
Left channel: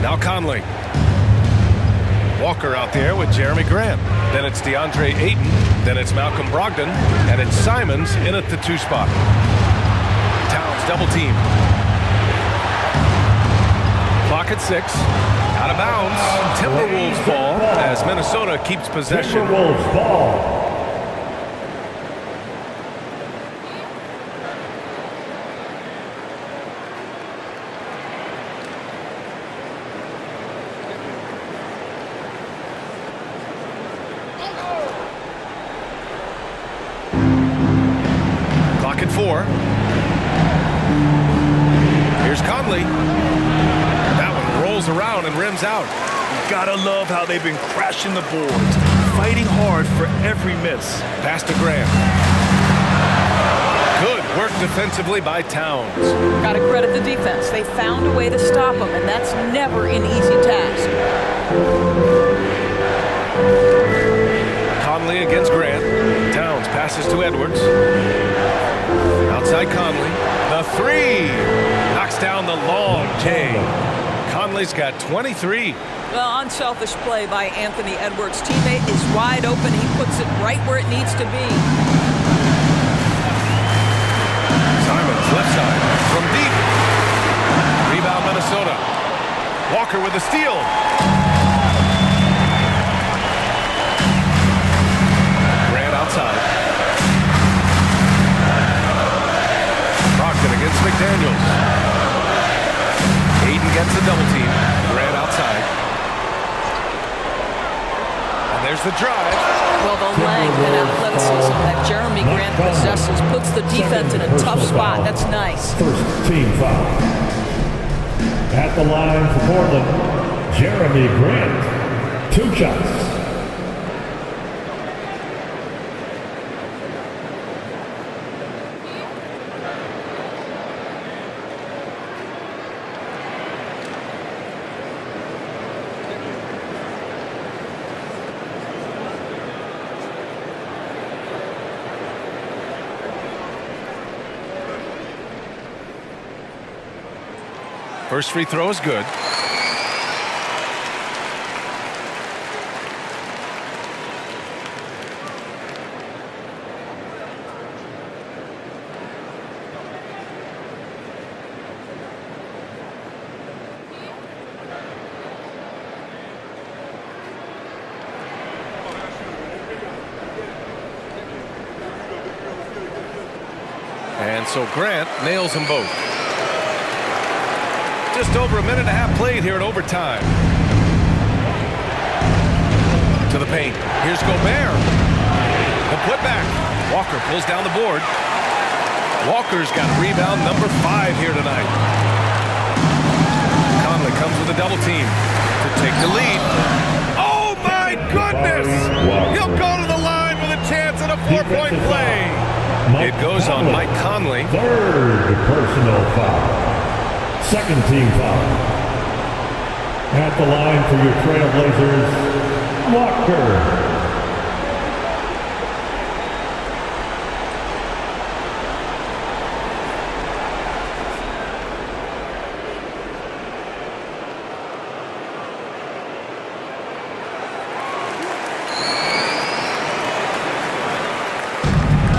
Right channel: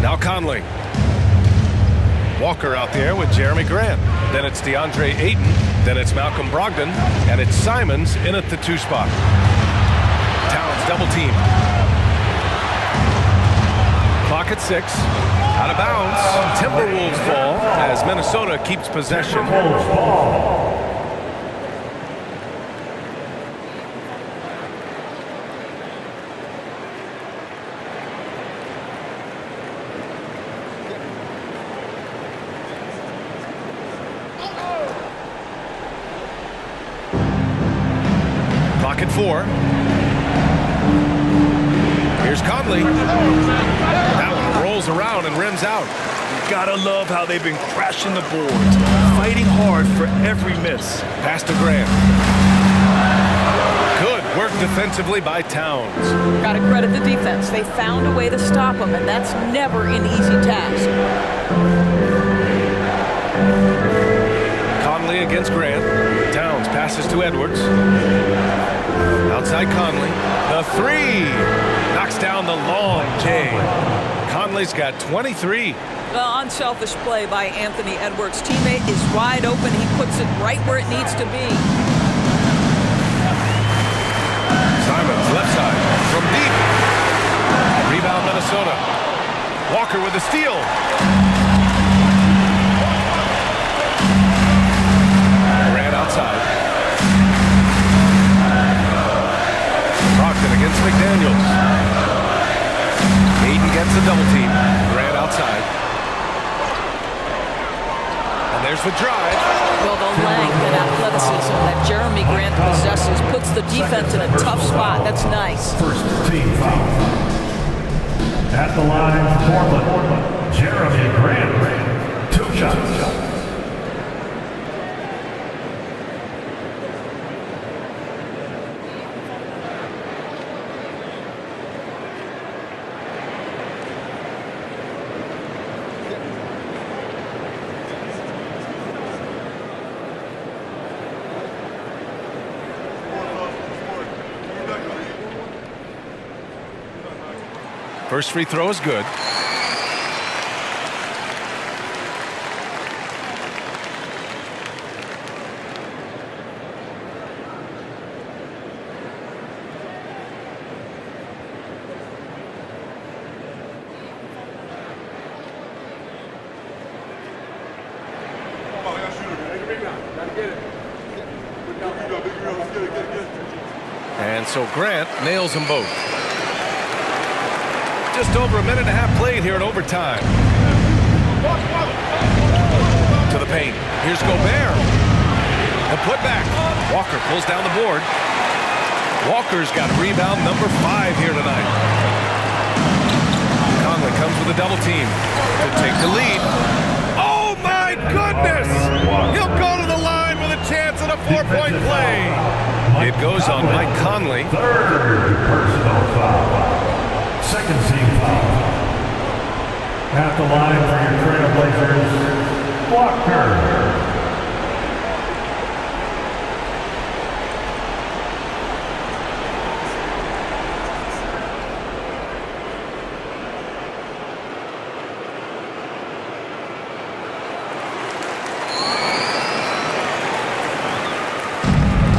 Now Conley. Walker out there with Jeremy Grant. Then it's DeAndre Ayton. Then it's Malcolm Brogdon. And it's Simons in at the 2 spot. Towns double team. Clock at 6. Out of bounds. Timberwolves ball as Minnesota keeps possession. Timberwolves ball. Clock at 4. Here's Conley. That one rolls around and rims out. You gotta love how they've been crashing the boards, fighting hard for every miss. Pass to Grant. Good work defensively by Towns. Got to credit the defense. They found a way to stop him, and that's never an easy task. Conley against Grant. Towns passes to Edwards. Outside Conley. The 3. Knocks down the long J. Conley's got 23. Well, unselfish play by Anthony Edwards. Teammate is wide open. He puts it right where it needs to be. Simons, left side, from deep. Rebound, Minnesota. Walker with the steal. Grant outside. Brogdon against McDaniels. Aiden gets a double team. Grant outside. And there's the drive. Well, the length and athleticism that Jeremy Grant possesses puts the defense in a tough spot. That's nice. First team foul. At the line for Portland, Jeremy Grant. 2 shots. First free throw is good. And so Grant nails them both. Just over a minute and a half played here in overtime. To the paint. Here's Gobert. The putback. Walker pulls down the board. Walker's got rebound number 5 here tonight. Conley comes with a double team to take the lead. Oh my goodness! He'll go to the line with a chance at a 4-point play. It goes on Mike Conley. Third personal foul. Second team foul. At the line for your Trailblazers, Walker.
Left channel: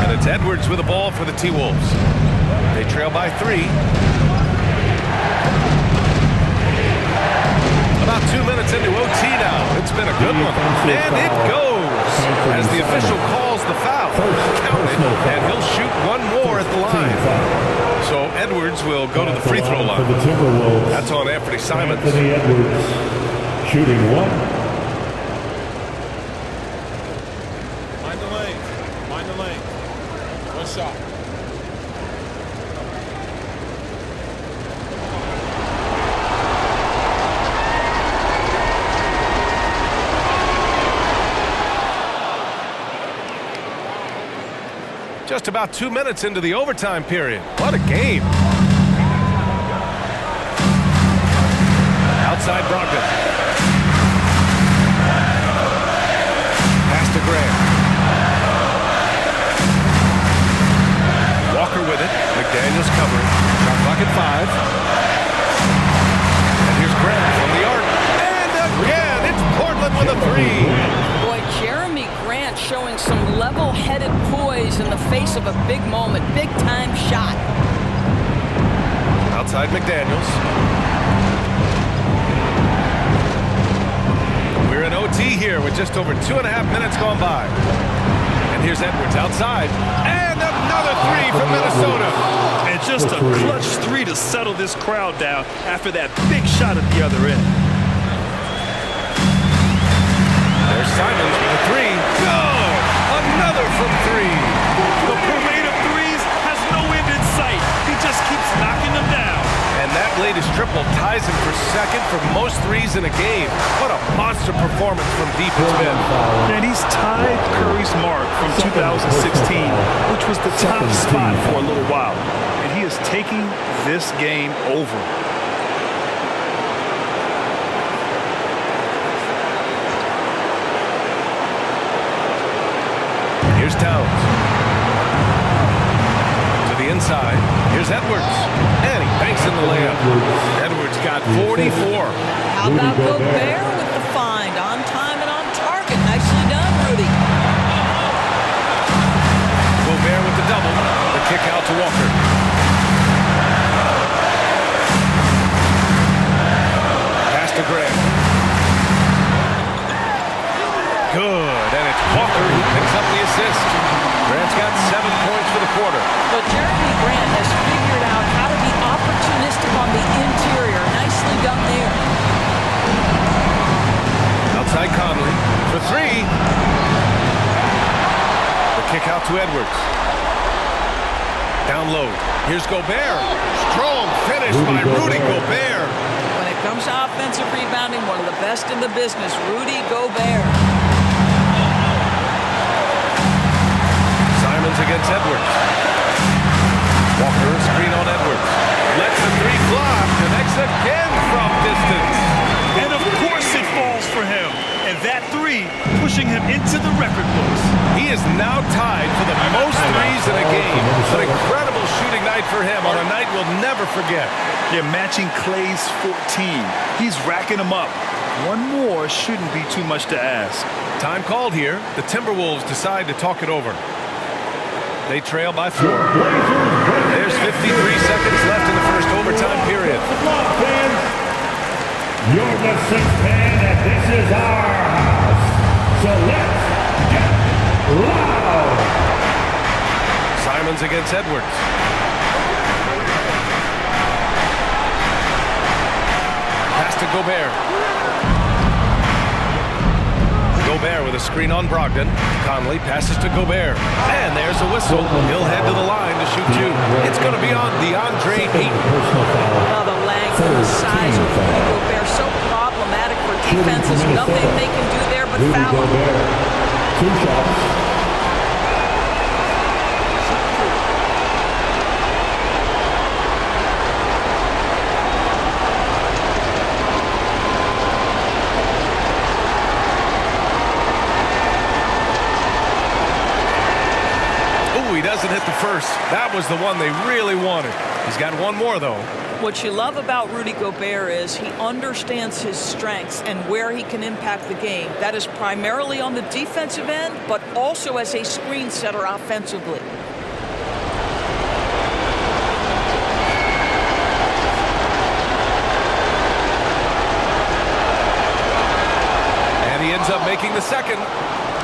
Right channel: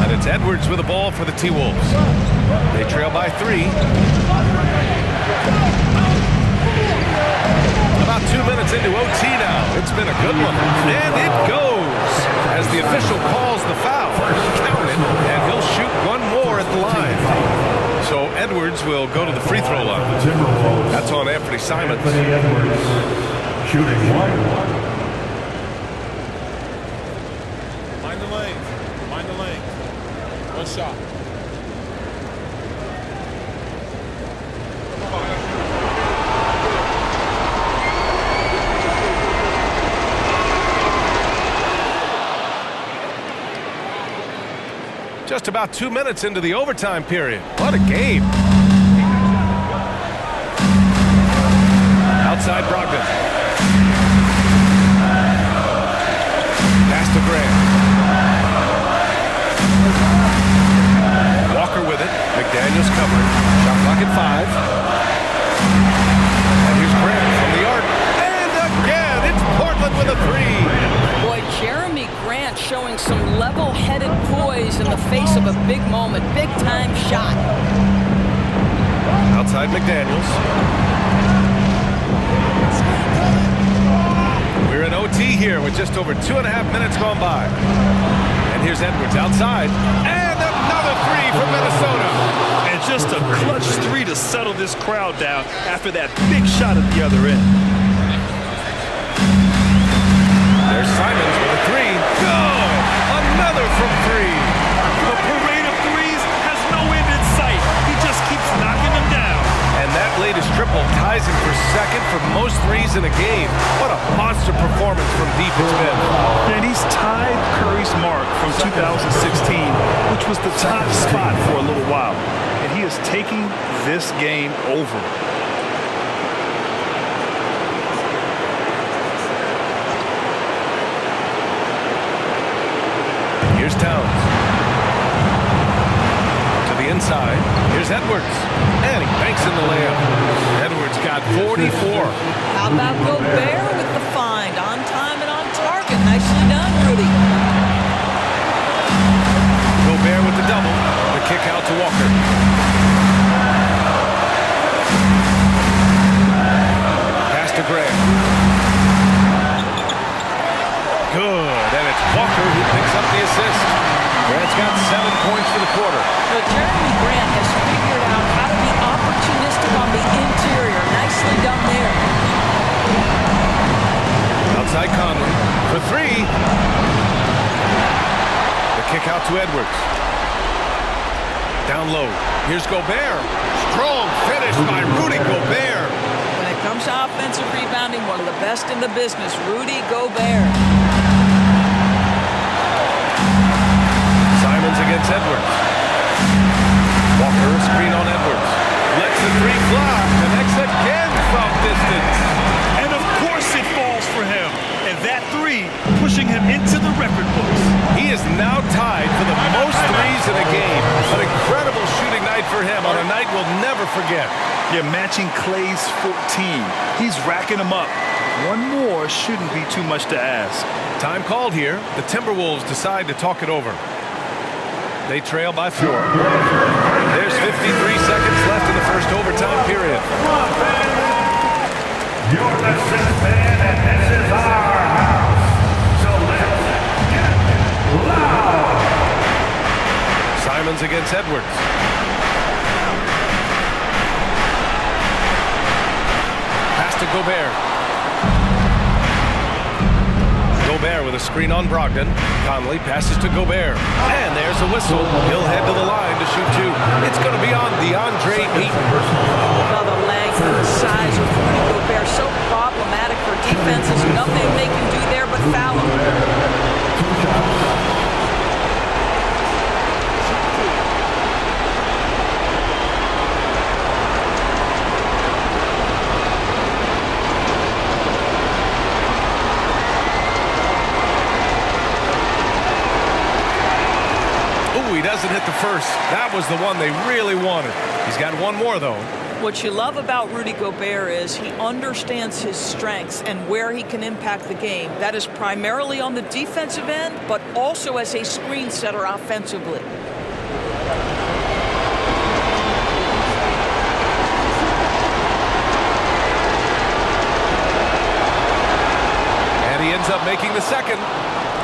And it's Edwards with the ball for the T-Wolves. They trail by 3. About 2 minutes into OT now. It's been a good one. And it goes as the official calls the foul. Count it, and he'll shoot one more at the line. So Edwards will go to the free throw line. That's on Anthony Simons. Anthony Edwards shooting 1. Mind the lane. Mind the lane. One shot. Just about 2 minutes into the overtime period. What a game. Outside Brogdon. Pass to Grant. Walker with it. McDaniels covering. Shot clock at 5. And here's Grant from the arc. And again, it's Portland with a 3. Boy, Jeremy Grant showing some level-headed poise in the face of a big moment. Big-time shot. Outside McDaniels. We're in OT here with just over 2.5 minutes gone by. And here's Edwards outside. And another 3 from Minnesota. And just a clutch 3 to settle this crowd down after that big shot at the other end. There's Simons with a three. Good! Another from three. The parade of threes has no end in sight. He just keeps knocking them down. And that latest triple ties him for second for most threes in a game. What a monster performance from deep it's been. And he's tied Curry's mark from 2016, which was the top spot for a little while. And he is taking this game over. Here's Towns. To the inside. Here's Edwards. And he banks in the layup. Edwards got 44. How about Gobert with the find? On time and on target. Nicely done, Rudy. Gobert with the double. The kick out to Walker. Pass to Grant. Good, and it's Walker who picks up the assist. Grant's got 7 points for the quarter. But Jeremy Grant has figured out how to be opportunistic on the interior. Nicely done there. Outside Conley for three. The kick out to Edwards. Down low. Here's Gobert. Strong finish by Rudy Gobert. When it comes to offensive rebounding, one of the best in the business, Rudy Gobert. Simons against Edwards. Walker, screen on Edwards. Lets the three fly. Connects again from distance. And of course it falls for him. And that three pushing him into the record books. He is now tied for the most threes in a game. An incredible shooting night for him on a night we'll never forget. Yeah, matching Clay's 14. He's racking them up. One more shouldn't be too much to ask. Time called here. The Timberwolves decide to talk it over. They trail by 4. There's 53 seconds left in the first overtime period. Come on, fans. You're the sixth man, and this is our house. So let's get loud. Simons against Edwards. Pass to Gobert. Gobert with a screen on Brogdon. Conley passes to Gobert. And there's a whistle. He'll head to the line to shoot two. It's going to be on DeAndre Ayton. Well, the length and the size of Rudy Gobert so problematic for defenses. Nothing they can do there but foul him. 2 shots. He doesn't hit the first. That was the one they really wanted. He's got one more, though. What you love about Rudy Gobert is he understands his strengths and where he can impact the game. That is primarily on the defensive end, but also as a screen setter offensively. And he ends up making the second.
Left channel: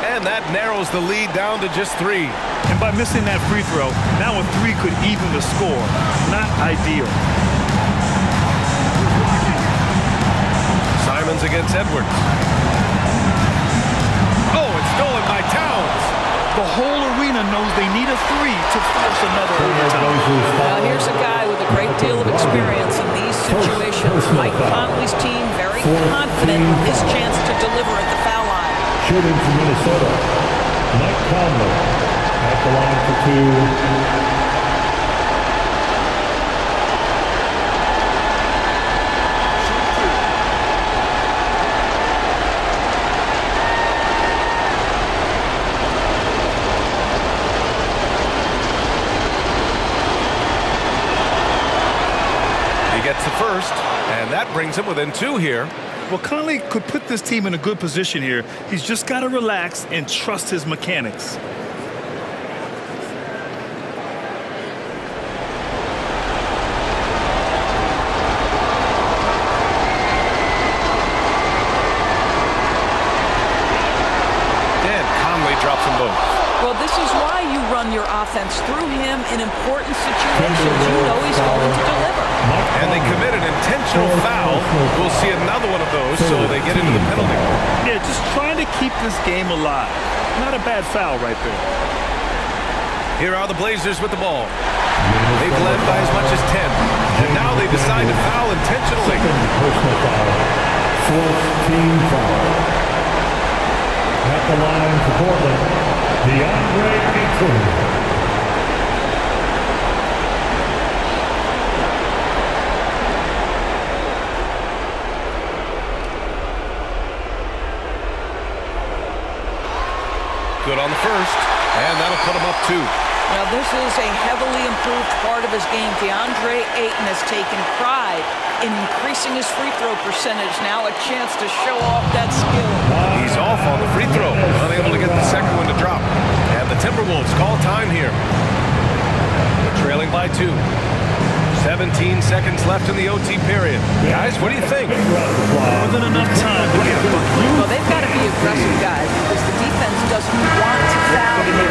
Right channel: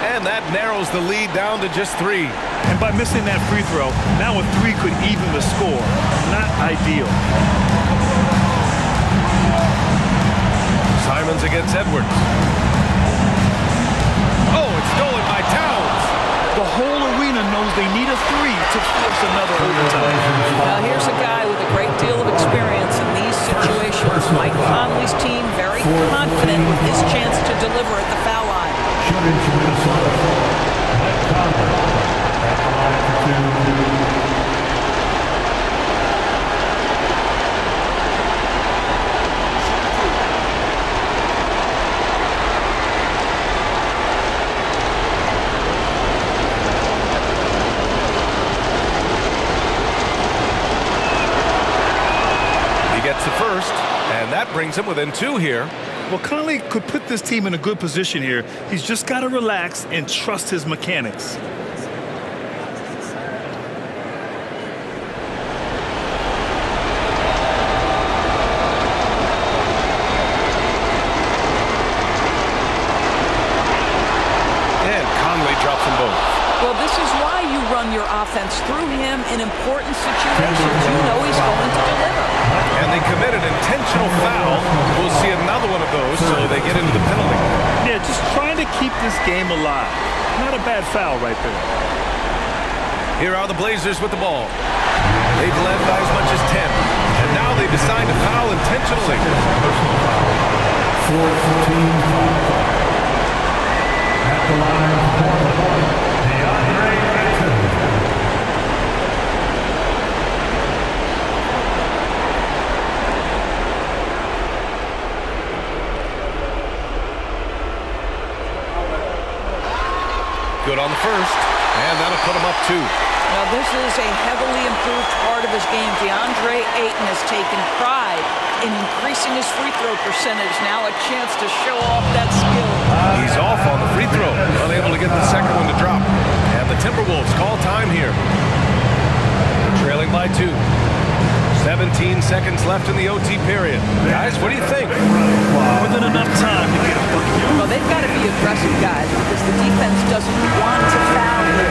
And that narrows the lead down to just 3. And by missing that free throw, now a 3 could even the score. Not ideal. Simons against Edwards. Oh, it's stolen by Towns. The whole arena knows they need a 3 to force another overtime. Now here's a guy with a great deal of experience in these situations. Mike Conley's team very confident with his chance to deliver at the foul line. Shooting from Minnesota, Mike Conley at the line for 2. He gets the first, and that brings him within 2 here. Well, Conley could put this team in a good position here. He's just got to relax and trust his mechanics. And Conley drops them both. Well, this is why you run your offense through him in important situations. You know he's going to deliver. And they commit an intentional foul. We'll see another one of those, so they get into the penalty. Yeah, just trying to keep this game alive. Not a bad foul right there. Here are the Blazers with the ball. They've led by as much as 10. And now they decide to foul intentionally. Personal foul. Fourth team foul. At the line for Portland, DeAndre Ayton. Good on the first, and that'll put him up 2. Now, this is a heavily improved part of his game. DeAndre Ayton has taken pride in increasing his free throw percentage. Now a chance to show off that skill. He's off on the free throw, unable to get the second one to drop. And the Timberwolves call time here. They're trailing by 2. 17 seconds left in the OT period. Guys, what do you think? More than enough time to get a bucket. Well, they've got to be aggressive, guys, because the defense doesn't want to foul here.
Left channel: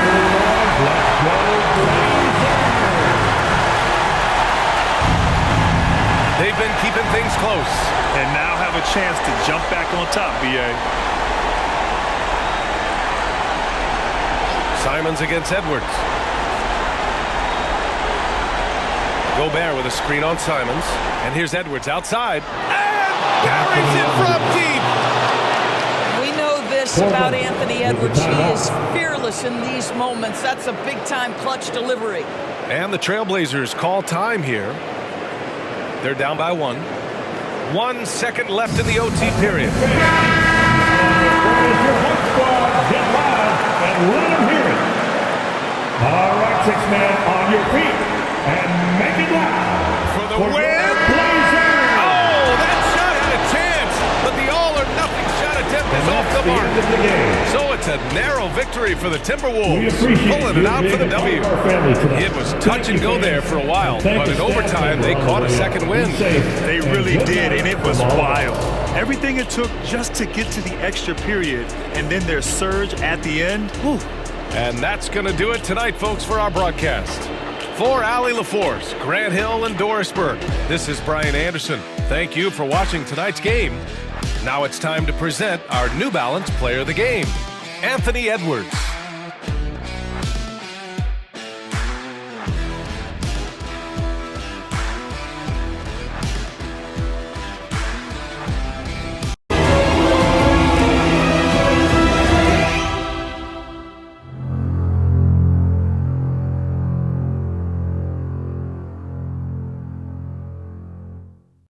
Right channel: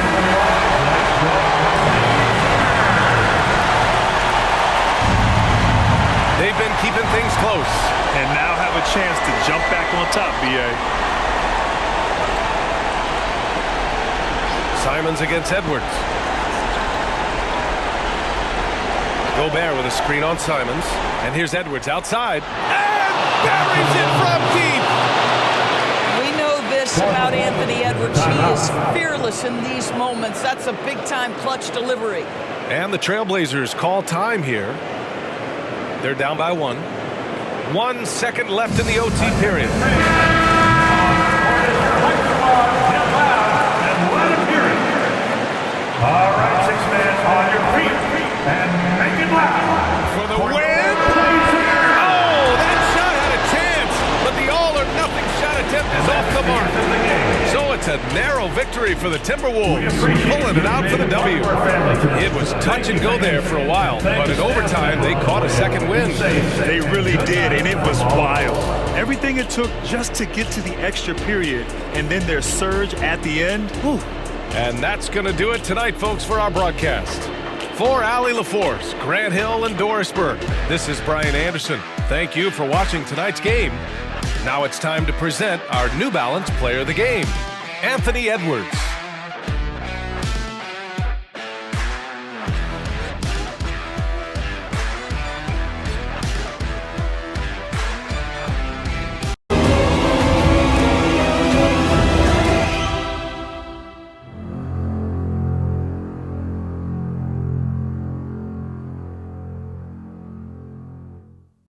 They've been keeping things close. And now have a chance to jump back on top, B.A. Simons against Edwards. Gobert with a screen on Simons. And here's Edwards outside. And buries it from deep. We know this about Anthony Edwards. He is fearless in these moments. That's a big-time clutch delivery. And the Trailblazers call time here. They're down by 1. 1 second left in the OT period. What is your hype squad? Get loud and let them hear it. All right, 6 men on your feet and make it loud. For the win! Oh, that shot had a chance, but the all-or-nothing shot attempt is off the mark. So it's a narrow victory for the Timberwolves, pulling it out for the W. It was touch and go there for a while, but in overtime, they caught a second win. They really did, and it was wild. Everything it took just to get to the extra period, and then their surge at the end. Whew. And that's going to do it tonight, folks, for our broadcast. For Allie LaForce, Grant Hill, and Dorisburg, this is Brian Anderson. Thank you for watching tonight's game. Now it's time to present our New Balance Player of the Game, Anthony Edwards.